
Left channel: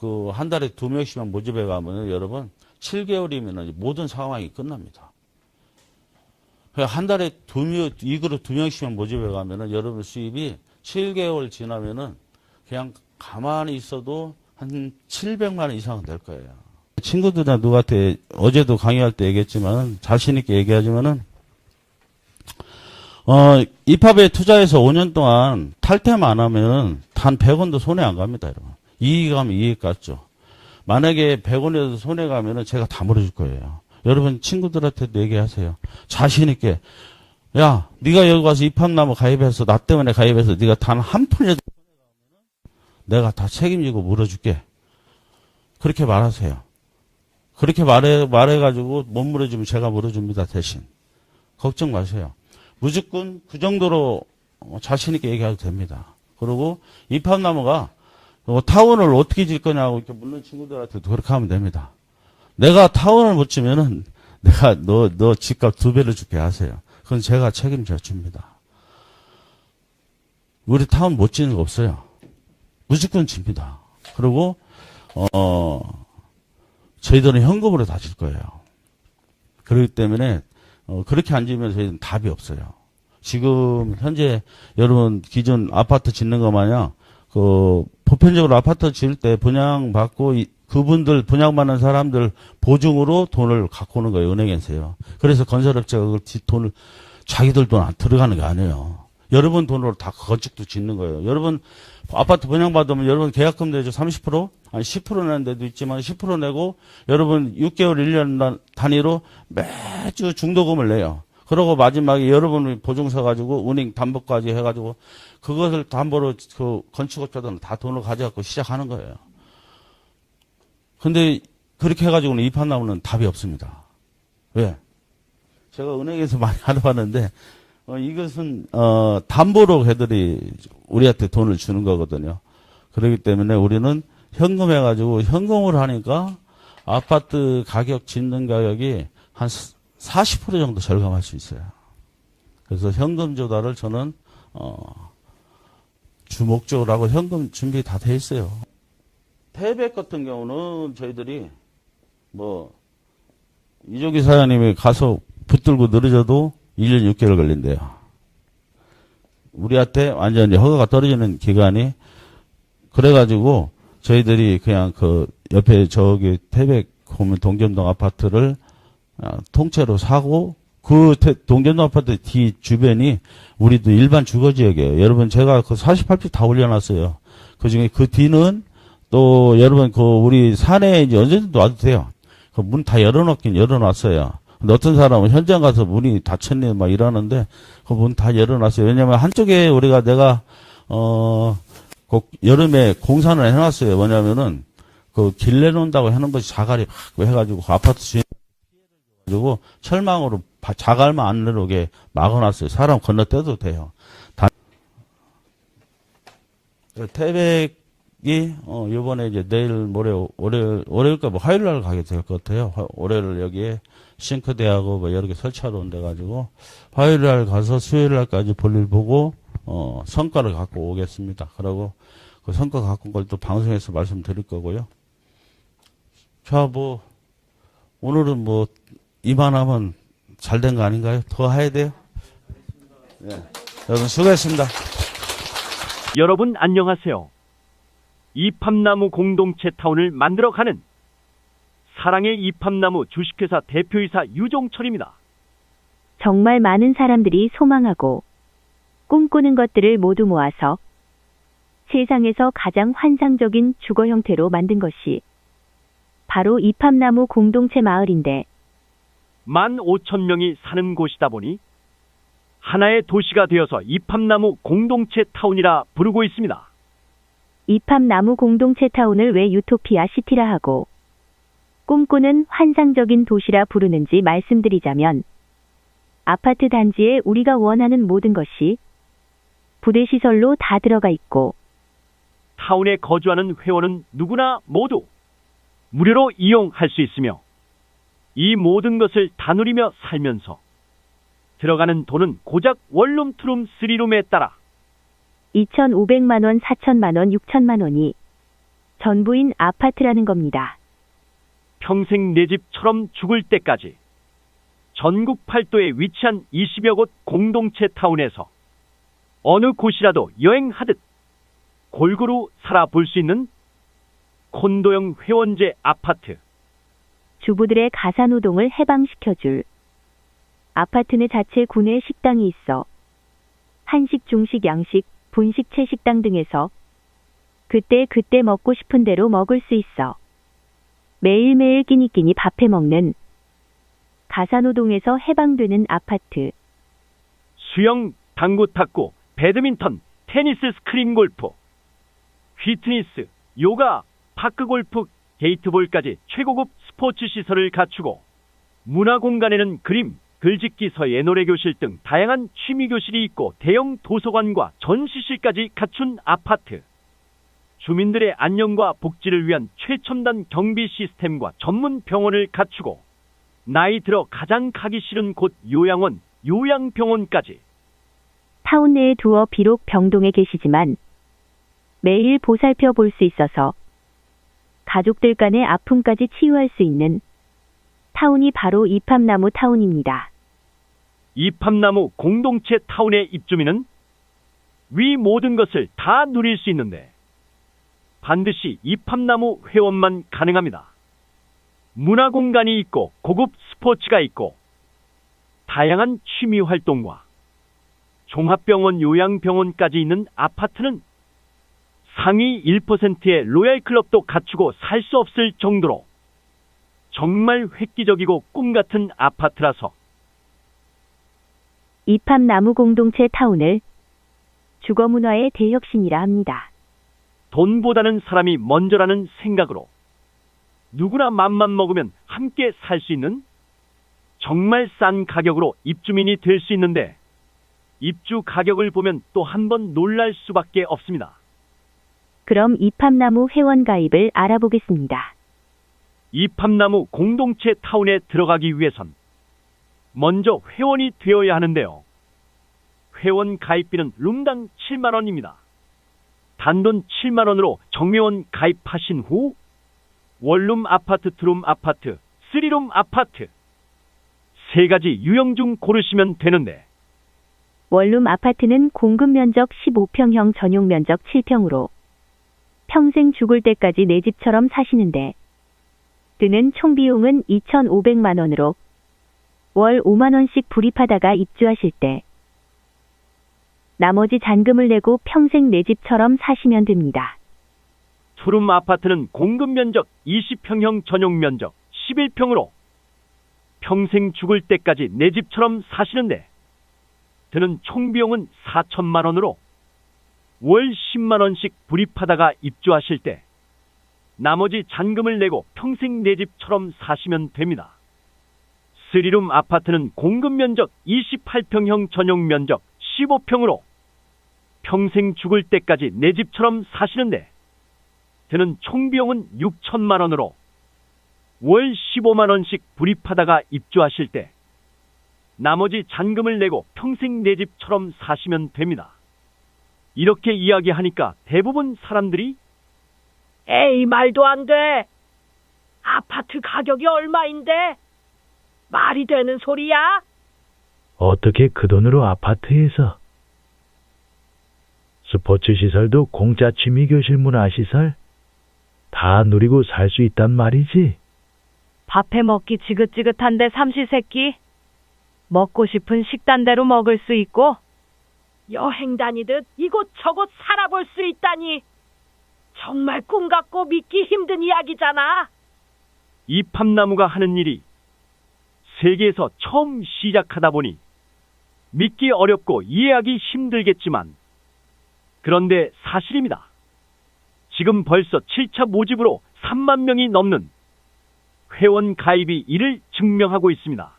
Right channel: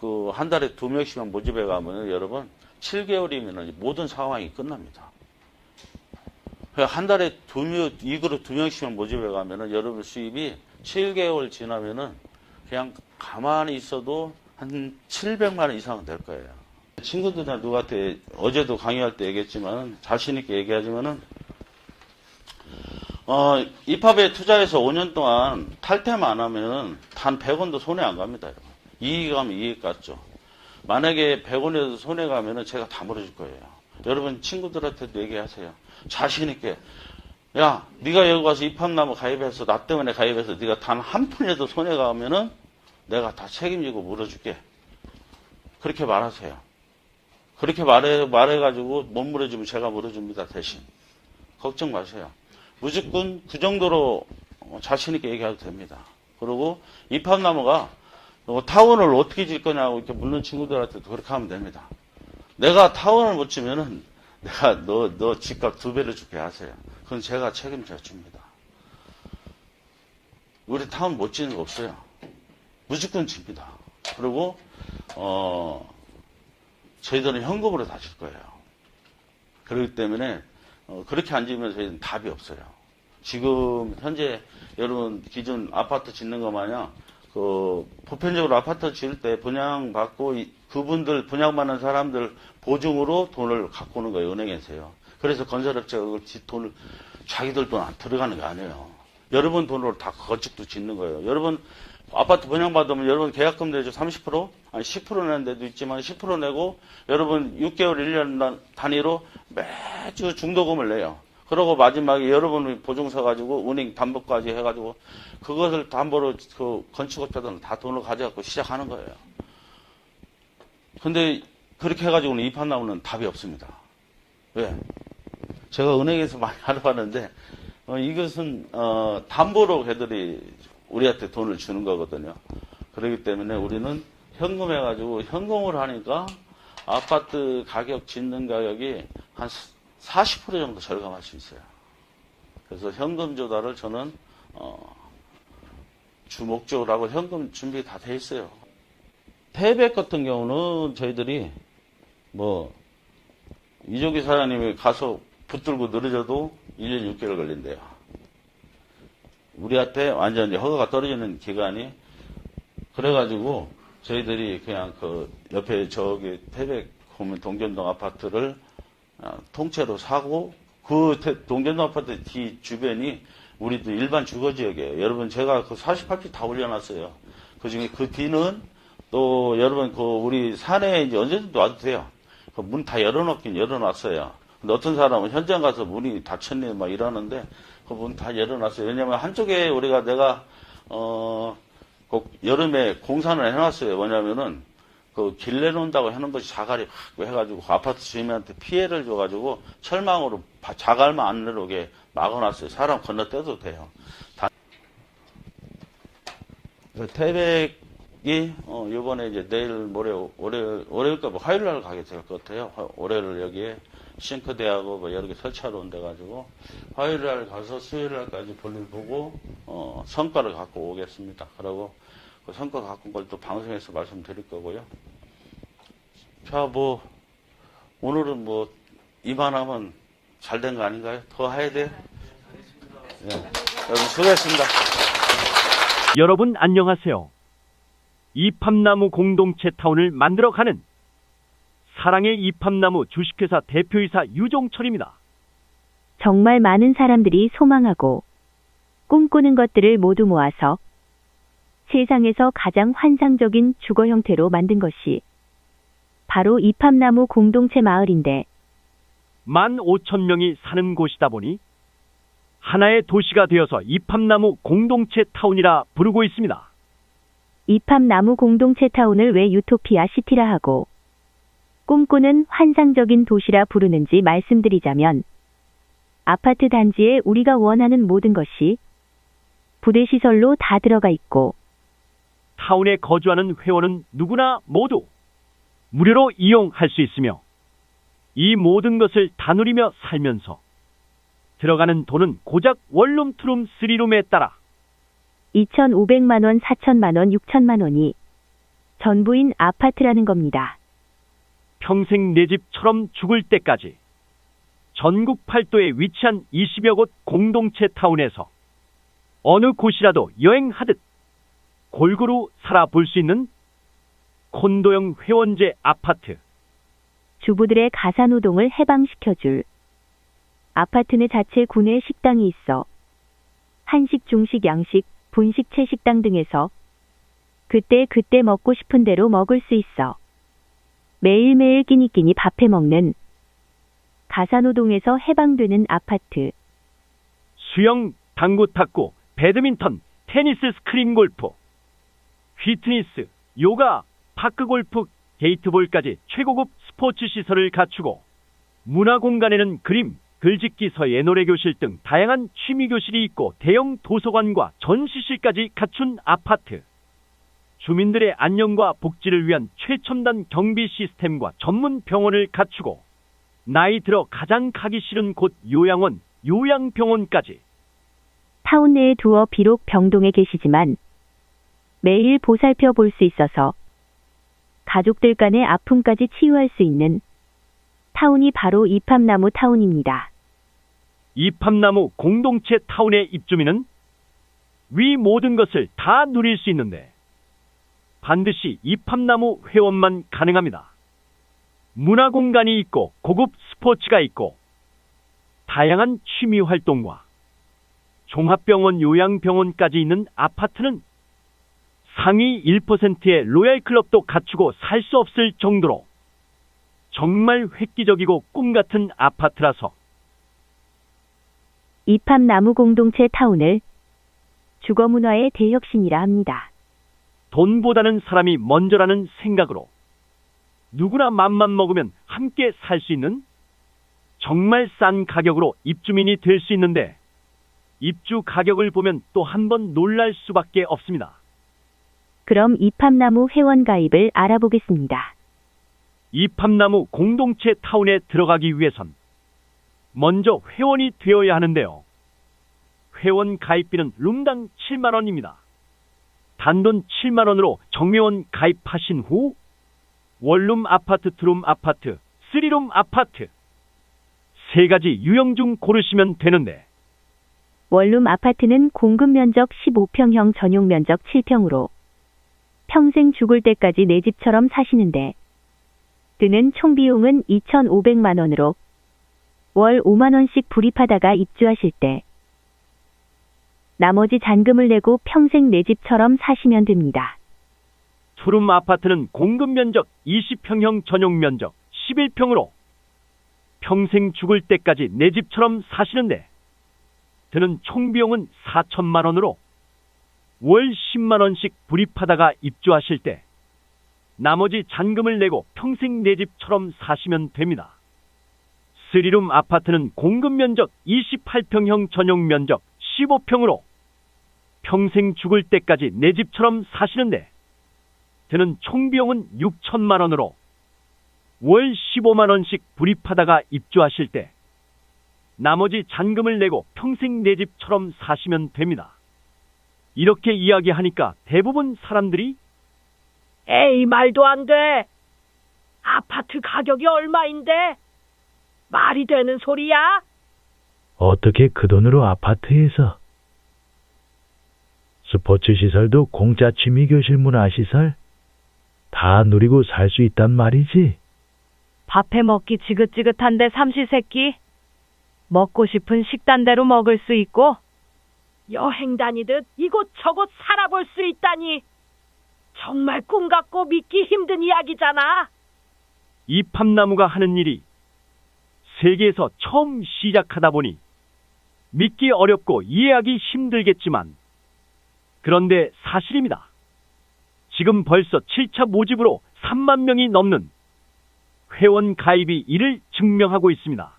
그 한 달에 2명씩만 모집해 가면 여러분 7개월이면 모든 상황이 끝납니다. 한 달에 2그룹 2명씩만 모집해 가면 여러분 수입이 7개월 지나면은 그냥 가만히 있어도 한 700만 원 이상은 될 거예요. 친구들이나 누구한테 어제도 강의할 때 얘기했지만 자신 있게 얘기하지만은 입합에 투자해서 5년 동안 탈퇴만 안 하면 단 100원도 손해 안 갑니다, 여러분. 이익 가면 이익 같죠. 만약에 100원이라도 손해 가면은 제가 다 물어줄 거예요. 여러분 친구들한테도 얘기하세요. 자신 있게. 야, 네가 여기 가서 입합나무 가입해서 나 때문에 가입해서 네가 단 한 푼이라도 손해 가면은 내가 다 책임지고 물어줄게. 그렇게 말하세요. 그렇게 말해가지고 못 물어주면 제가 물어줍니다, 대신. 걱정 마세요. 무조건 그 정도로 자신 있게 얘기해도 됩니다. 그리고 입합나무가 타원을 어떻게 질 거냐고 이렇게 묻는 친구들한테 그렇게 하면 됩니다. 내가 타원을 못 지면은 내가 너 집값 2배를 줄게 하세요. 그건 제가 책임져 줍니다. 우리 타원 못 지는 거 없어요. 무조건 집니다. 그리고 저희들은 현금으로 다 줄 거예요. 그렇기 때문에 그렇게 안 지으면 저희는 답이 없어요. 지금 현재 여러분 기존 아파트 짓는 거 마냥 보편적으로 아파트 지을 때 분양받고 그분들 분양받는 사람들 보증으로 돈을 갖고 오는 거예요. 은행에서요. 그래서 건설업체가 그걸 돈을 자기들 돈 안 들어가는 게 아니에요. 여러분 돈으로 다 건축도 짓는 거예요. 여러분 아파트 분양받으면 여러분 계약금 내죠. 30%? 아니 10% 내는 데도 있지만 10% 내고 여러분 6개월 1년 단위로 매주 중도금을 내요. 그러고 마지막에 여러분이 보증서 가지고 은행 담보까지 해가지고 그것을 담보로 그 건축업자들은 다 돈을 가져갖고 시작하는 거예요. 근데 그렇게 해가지고는 이판나무는 답이 없습니다. 왜? 제가 은행에서 많이 알아봤는데 이것은 담보로 애들이 우리한테 돈을 주는 거거든요. 그렇기 때문에 우리는 현금 해가지고 현금으로 하니까 아파트 가격 짓는 가격이 한 40% 정도 절감할 수 있어요. 그래서 현금 조달을 저는 주목적으로 하고 현금 준비 다 돼 있어요. 태백 같은 경우는 저희들이 이종기 사장님이 가서 붙들고 늘어져도 1년 6개월 걸린대요. 우리한테 완전히 허가가 떨어지는 기간이. 그래가지고 저희들이 그냥 옆에 저기 태백 보면 동점동 아파트를 통째로 사고 동점동 아파트 뒤 주변이 우리도 일반 주거지역이에요. 여러분 제가 48평 다 올려놨어요. 그중에 그 뒤는 또 여러분 우리 산에 이제 언제든지 와도 돼요. 문 다 열어놓긴 열어놨어요. 근데 어떤 사람은 현장 가서 문이 닫혔네 막 이러는데 그 문 다 열어놨어요. 왜냐면 한쪽에 내가 여름에 공사를 해놨어요. 뭐냐면은 길 내놓는다고 해놓은 것이 자갈이 막 해가지고 아파트 주민한테 피해를 줘가지고 철망으로 자갈만 안 내려오게 막아놨어요. 사람 건너뛰어도 돼요. 태백이 요번에 이제 내일 월요일까 화요일 날 가게 될 것 같아요. 월요일 여기에 싱크대하고 여러 개 설치하러 온데가지고 화요일 날 가서 수요일 날까지 볼일 보고 성과를 갖고 오겠습니다. 그러고 그 성과 갖고 온 걸 또 방송에서 말씀드릴 거고요. 자, 오늘은 이만하면 잘 된 거 아닌가요? 더 해야 돼요? 네. 여러분 수고했습니다. 여러분 안녕하세요. 이팝나무 공동체 타운을 만들어가는 사랑의 이팝나무 주식회사 대표이사 유종철입니다. 정말 많은 사람들이 소망하고 꿈꾸는 것들을 모두 모아서 세상에서 가장 환상적인 주거 형태로 만든 것이 바로 이팝나무 공동체 마을인데 15,000명이 사는 곳이다 보니 하나의 도시가 되어서 이팝나무 공동체 타운이라 부르고 있습니다. 이팝나무 공동체 타운을 왜 유토피아 시티라 하고 꿈꾸는 환상적인 도시라 부르는지 말씀드리자면 아파트 단지에 우리가 원하는 모든 것이 부대시설로 다 들어가 있고 타운에 거주하는 회원은 누구나 모두 무료로 이용할 수 있으며 이 모든 것을 다 누리며 살면서 들어가는 돈은 고작 원룸, 투룸, 쓰리룸에 따라 2,500만 원, 4,000만 원, 6,000만 원이 전부인 아파트라는 겁니다. 평생 내 집처럼 죽을 때까지 전국 팔도에 위치한 20여 곳 공동체 타운에서 어느 곳이라도 여행하듯 골고루 살아볼 수 있는 콘도형 회원제 아파트. 주부들의 가사노동을 해방시켜줄 아파트 내 자체 구내 식당이 있어 한식, 중식, 양식, 분식, 채식당 등에서 그때 먹고 싶은 대로 먹을 수 있어 매일매일 끼니끼니 밥해 먹는 가사노동에서 해방되는 아파트. 수영, 당구, 탁구, 배드민턴, 테니스, 스크린 골프, 피트니스, 요가, 파크 골프, 게이트볼까지 최고급 스포츠 시설을 갖추고 문화공간에는 그림, 글짓기, 서예, 노래교실 등 다양한 취미교실이 있고 대형 도서관과 전시실까지 갖춘 아파트. 주민들의 안녕과 복지를 위한 최첨단 경비 시스템과 전문 병원을 갖추고 나이 들어 가장 가기 싫은 곳 요양원, 요양병원까지. 타운 내에 두어 비록 병동에 계시지만 매일 보살펴 볼 수 있어서 가족들 간의 아픔까지 치유할 수 있는 타운이 바로 이팝나무 타운입니다. 이팝나무 공동체 타운의 입주민은 위 모든 것을 다 누릴 수 있는데 반드시 이팝나무 회원만 가능합니다. 문화 공간이 있고 고급 스포츠가 있고 다양한 취미 활동과 종합병원 요양병원까지 있는 아파트는 상위 1%의 로얄클럽도 갖추고 살 수 없을 정도로 정말 획기적이고 꿈같은 아파트라서 이팝나무 공동체 타운을 주거문화의 대혁신이라 합니다. 돈보다는 사람이 먼저라는 생각으로 누구나 맘만 먹으면 함께 살 수 있는 정말 싼 가격으로 입주민이 될 수 있는데 입주 가격을 보면 또 한 번 놀랄 수밖에 없습니다. 그럼 이팝나무 회원 가입을 알아보겠습니다. 이팝나무 공동체 타운에 들어가기 위해선 먼저 회원이 되어야 하는데요. 회원 가입비는 룸당 7만 원입니다. 단돈 7만 원으로 정회원 가입하신 후 원룸 아파트, 투룸 아파트, 쓰리룸 아파트 세 가지 유형 중 고르시면 되는데 원룸 아파트는 공급 면적 15평형 전용 면적 7평으로 평생 죽을 때까지 내 집처럼 사시는데 드는 총 비용은 2,500만 원으로 월 5만 원씩 불입하다가 입주하실 때 나머지 잔금을 내고 평생 내 집처럼 사시면 됩니다. 투룸 아파트는 공급 면적 20평형 전용 면적 11평으로 평생 죽을 때까지 내 집처럼 사시는데 드는 총 비용은 4천만 원으로 월 10만 원씩 불입하다가 입주하실 때 나머지 잔금을 내고 평생 내 집처럼 사시면 됩니다. 쓰리룸 아파트는 공급 면적 28평형 전용 면적 15평으로 평생 죽을 때까지 내 집처럼 사시는데 드는 총 비용은 6천만 원으로 월 15만 원씩 불입하다가 입주하실 때 나머지 잔금을 내고 평생 내 집처럼 사시면 됩니다. 이렇게 이야기하니까 대부분 사람들이 에이, 말도 안 돼. 아파트 가격이 얼마인데? 말이 되는 소리야? 어떻게 그 돈으로 아파트에서 스포츠 시설도 공짜 취미교실 문화시설 다 누리고 살 수 있단 말이지. 밥해 먹기 지긋지긋한데 삼시세끼 먹고 싶은 식단대로 먹을 수 있고 여행 다니듯 이곳저곳 살아볼 수 있다니 정말 꿈 같고 믿기 힘든 이야기잖아. 이팝나무가 하는 일이 세계에서 처음 시작하다 보니 믿기 어렵고 이해하기 힘들겠지만 그런데 사실입니다. 지금 벌써 7차 모집으로 3만 명이 넘는 회원 가입이 이를 증명하고 있습니다.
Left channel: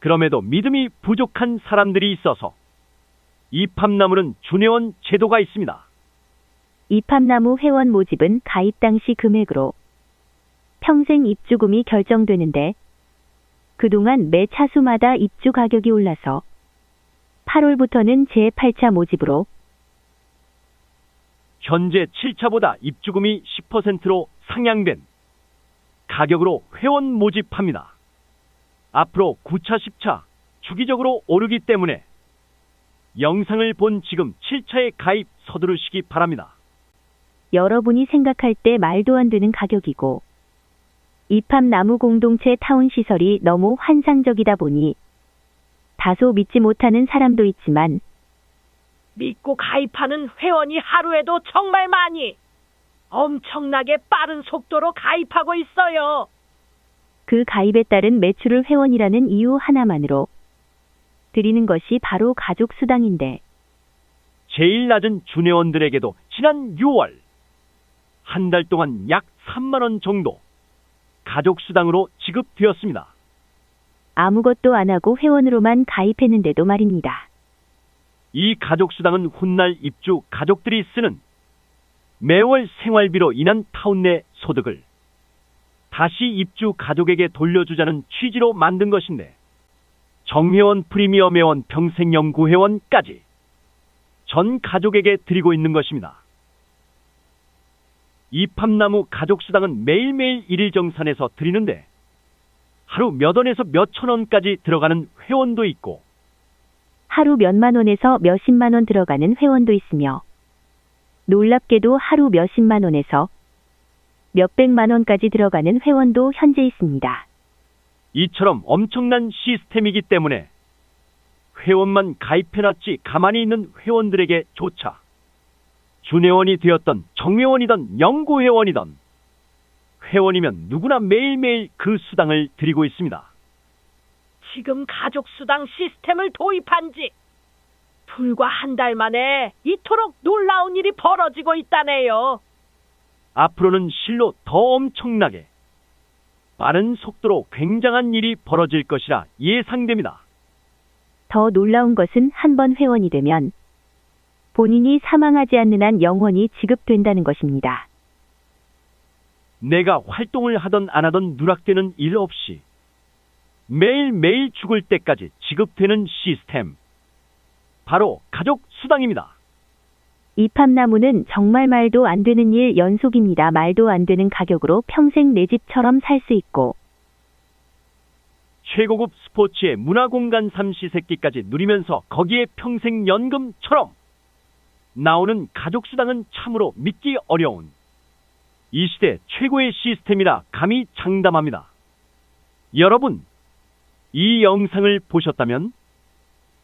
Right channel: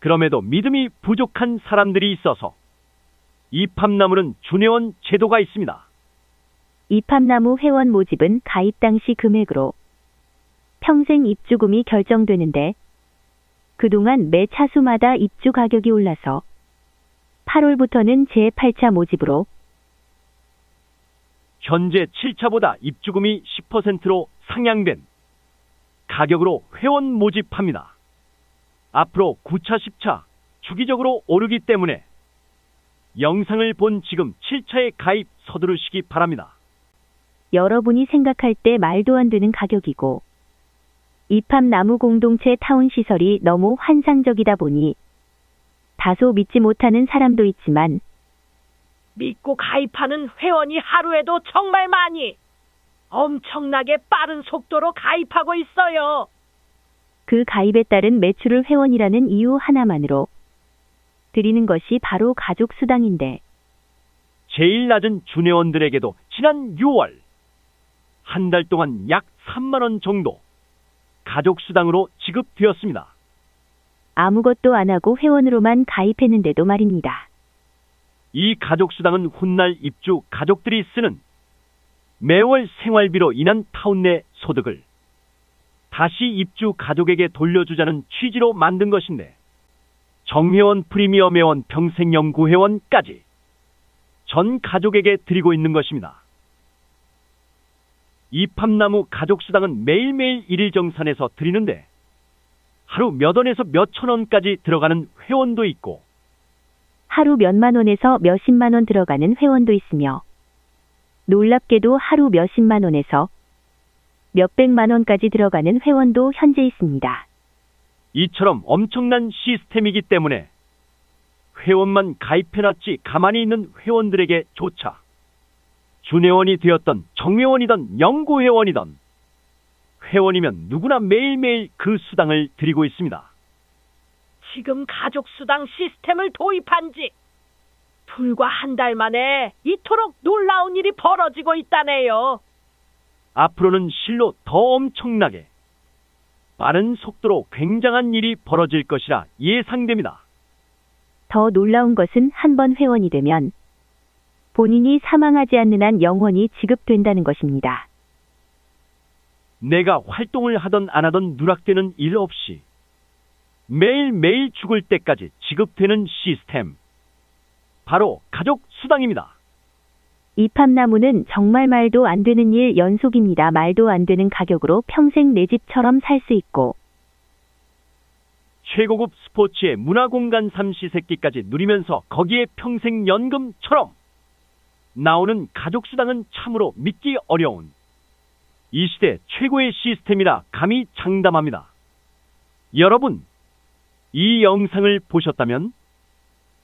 그럼에도 믿음이 부족한 사람들이 있어서 이팝나무는 준회원 제도가 있습니다. 이팝나무 회원 모집은 가입 당시 금액으로 평생 입주금이 결정되는데 그동안 매 차수마다 입주 가격이 올라서 8월부터는 제8차 모집으로 현재 7차보다 입주금이 10%로 상향된 가격으로 회원 모집합니다. 앞으로 9차, 10차 주기적으로 오르기 때문에 영상을 본 지금 7차에 가입 서두르시기 바랍니다. 여러분이 생각할 때 말도 안 되는 가격이고 이팝나무 공동체 타운 시설이 너무 환상적이다 보니 다소 믿지 못하는 사람도 있지만 믿고 가입하는 회원이 하루에도 정말 많이 엄청나게 빠른 속도로 가입하고 있어요. 그 가입에 따른 매출을 회원이라는 이유 하나만으로 드리는 것이 바로 가족 수당인데 제일 낮은 준회원들에게도 지난 6월 한 달 동안 약 3만 원 정도 가족 수당으로 지급되었습니다. 아무것도 안 하고 회원으로만 가입했는데도 말입니다. 이 가족 수당은 훗날 입주 가족들이 쓰는 매월 생활비로 인한 타운 내 소득을 다시 입주 가족에게 돌려주자는 취지로 만든 것인데 정회원, 프리미엄 회원, 평생연구 회원까지 전 가족에게 드리고 있는 것입니다. 이팝나무 가족수당은 매일매일 일일정산해서 드리는데 하루 몇 원에서 몇천 원까지 들어가는 회원도 있고 하루 몇만 원에서 몇십만 원 들어가는 회원도 있으며 놀랍게도 하루 몇십만 원에서 몇백만 원까지 들어가는 회원도 현재 있습니다. 이처럼 엄청난 시스템이기 때문에 회원만 가입해놨지 가만히 있는 회원들에게 조차 준회원이 되었던 정회원이던 영구회원이던 회원이면 누구나 매일매일 그 수당을 드리고 있습니다. 지금 가족수당 시스템을 도입한 지 불과 한 달 만에 이토록 놀라운 일이 벌어지고 있다네요. 앞으로는 실로 더 엄청나게 빠른 속도로 굉장한 일이 벌어질 것이라 예상됩니다. 더 놀라운 것은 한 번 회원이 되면 본인이 사망하지 않는 한 영원히 지급된다는 것입니다. 내가 활동을 하던 안 하던 누락되는 일 없이 매일매일 죽을 때까지 지급되는 시스템. 바로 가족수당입니다. 이팝나무는 정말 말도 안 되는 일 연속입니다. 말도 안 되는 가격으로 평생 내 집처럼 살 수 있고 최고급 스포츠의 문화공간 삼시세끼까지 누리면서 거기에 평생 연금처럼 나오는 가족수당은 참으로 믿기 어려운 이 시대 최고의 시스템이라 감히 장담합니다. 여러분, 이 영상을 보셨다면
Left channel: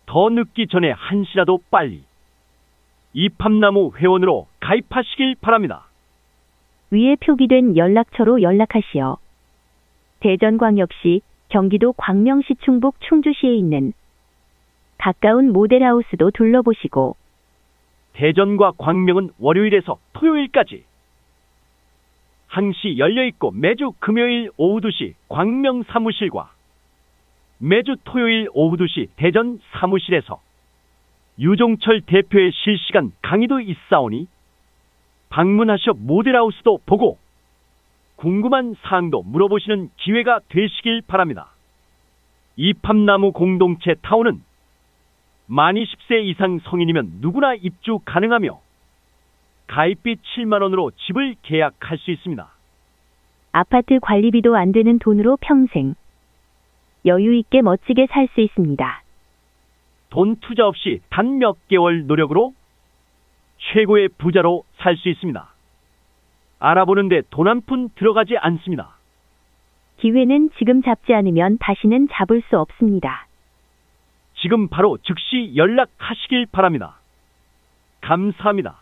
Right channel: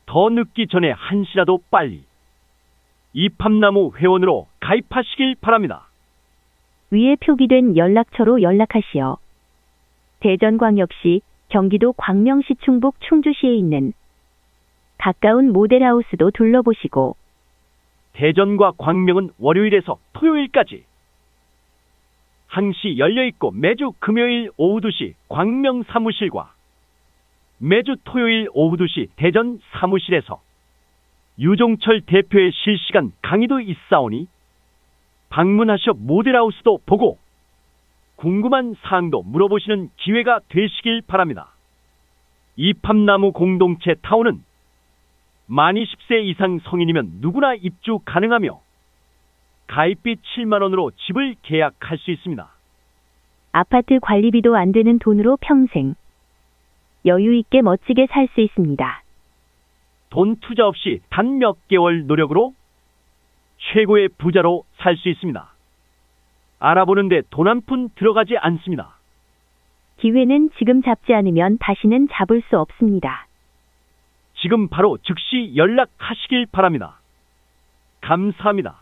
더 늦기 전에 한시라도 빨리 이팝나무 회원으로 가입하시길 바랍니다. 위에 표기된 연락처로 연락하시어 대전광역시 경기도 광명시 충북 충주시에 있는 가까운 모델하우스도 둘러보시고 대전과 광명은 월요일에서 토요일까지 항시 열려있고 매주 금요일 오후 2시 광명 사무실과 매주 토요일 오후 2시 대전 사무실에서 유종철 대표의 실시간 강의도 있사오니 방문하셔 모델하우스도 보고 궁금한 사항도 물어보시는 기회가 되시길 바랍니다. 이팝나무 공동체 타운은 만 20세 이상 성인이면 누구나 입주 가능하며 가입비 7만 원으로 집을 계약할 수 있습니다. 아파트 관리비도 안 되는 돈으로 평생 여유 있게 멋지게 살 수 있습니다. 돈 투자 없이 단 몇 개월 노력으로 최고의 부자로 살 수 있습니다. 알아보는데 돈 한 푼 들어가지 않습니다. 기회는 지금 잡지 않으면 다시는 잡을 수 없습니다. 지금 바로 즉시 연락하시길 바랍니다. 감사합니다.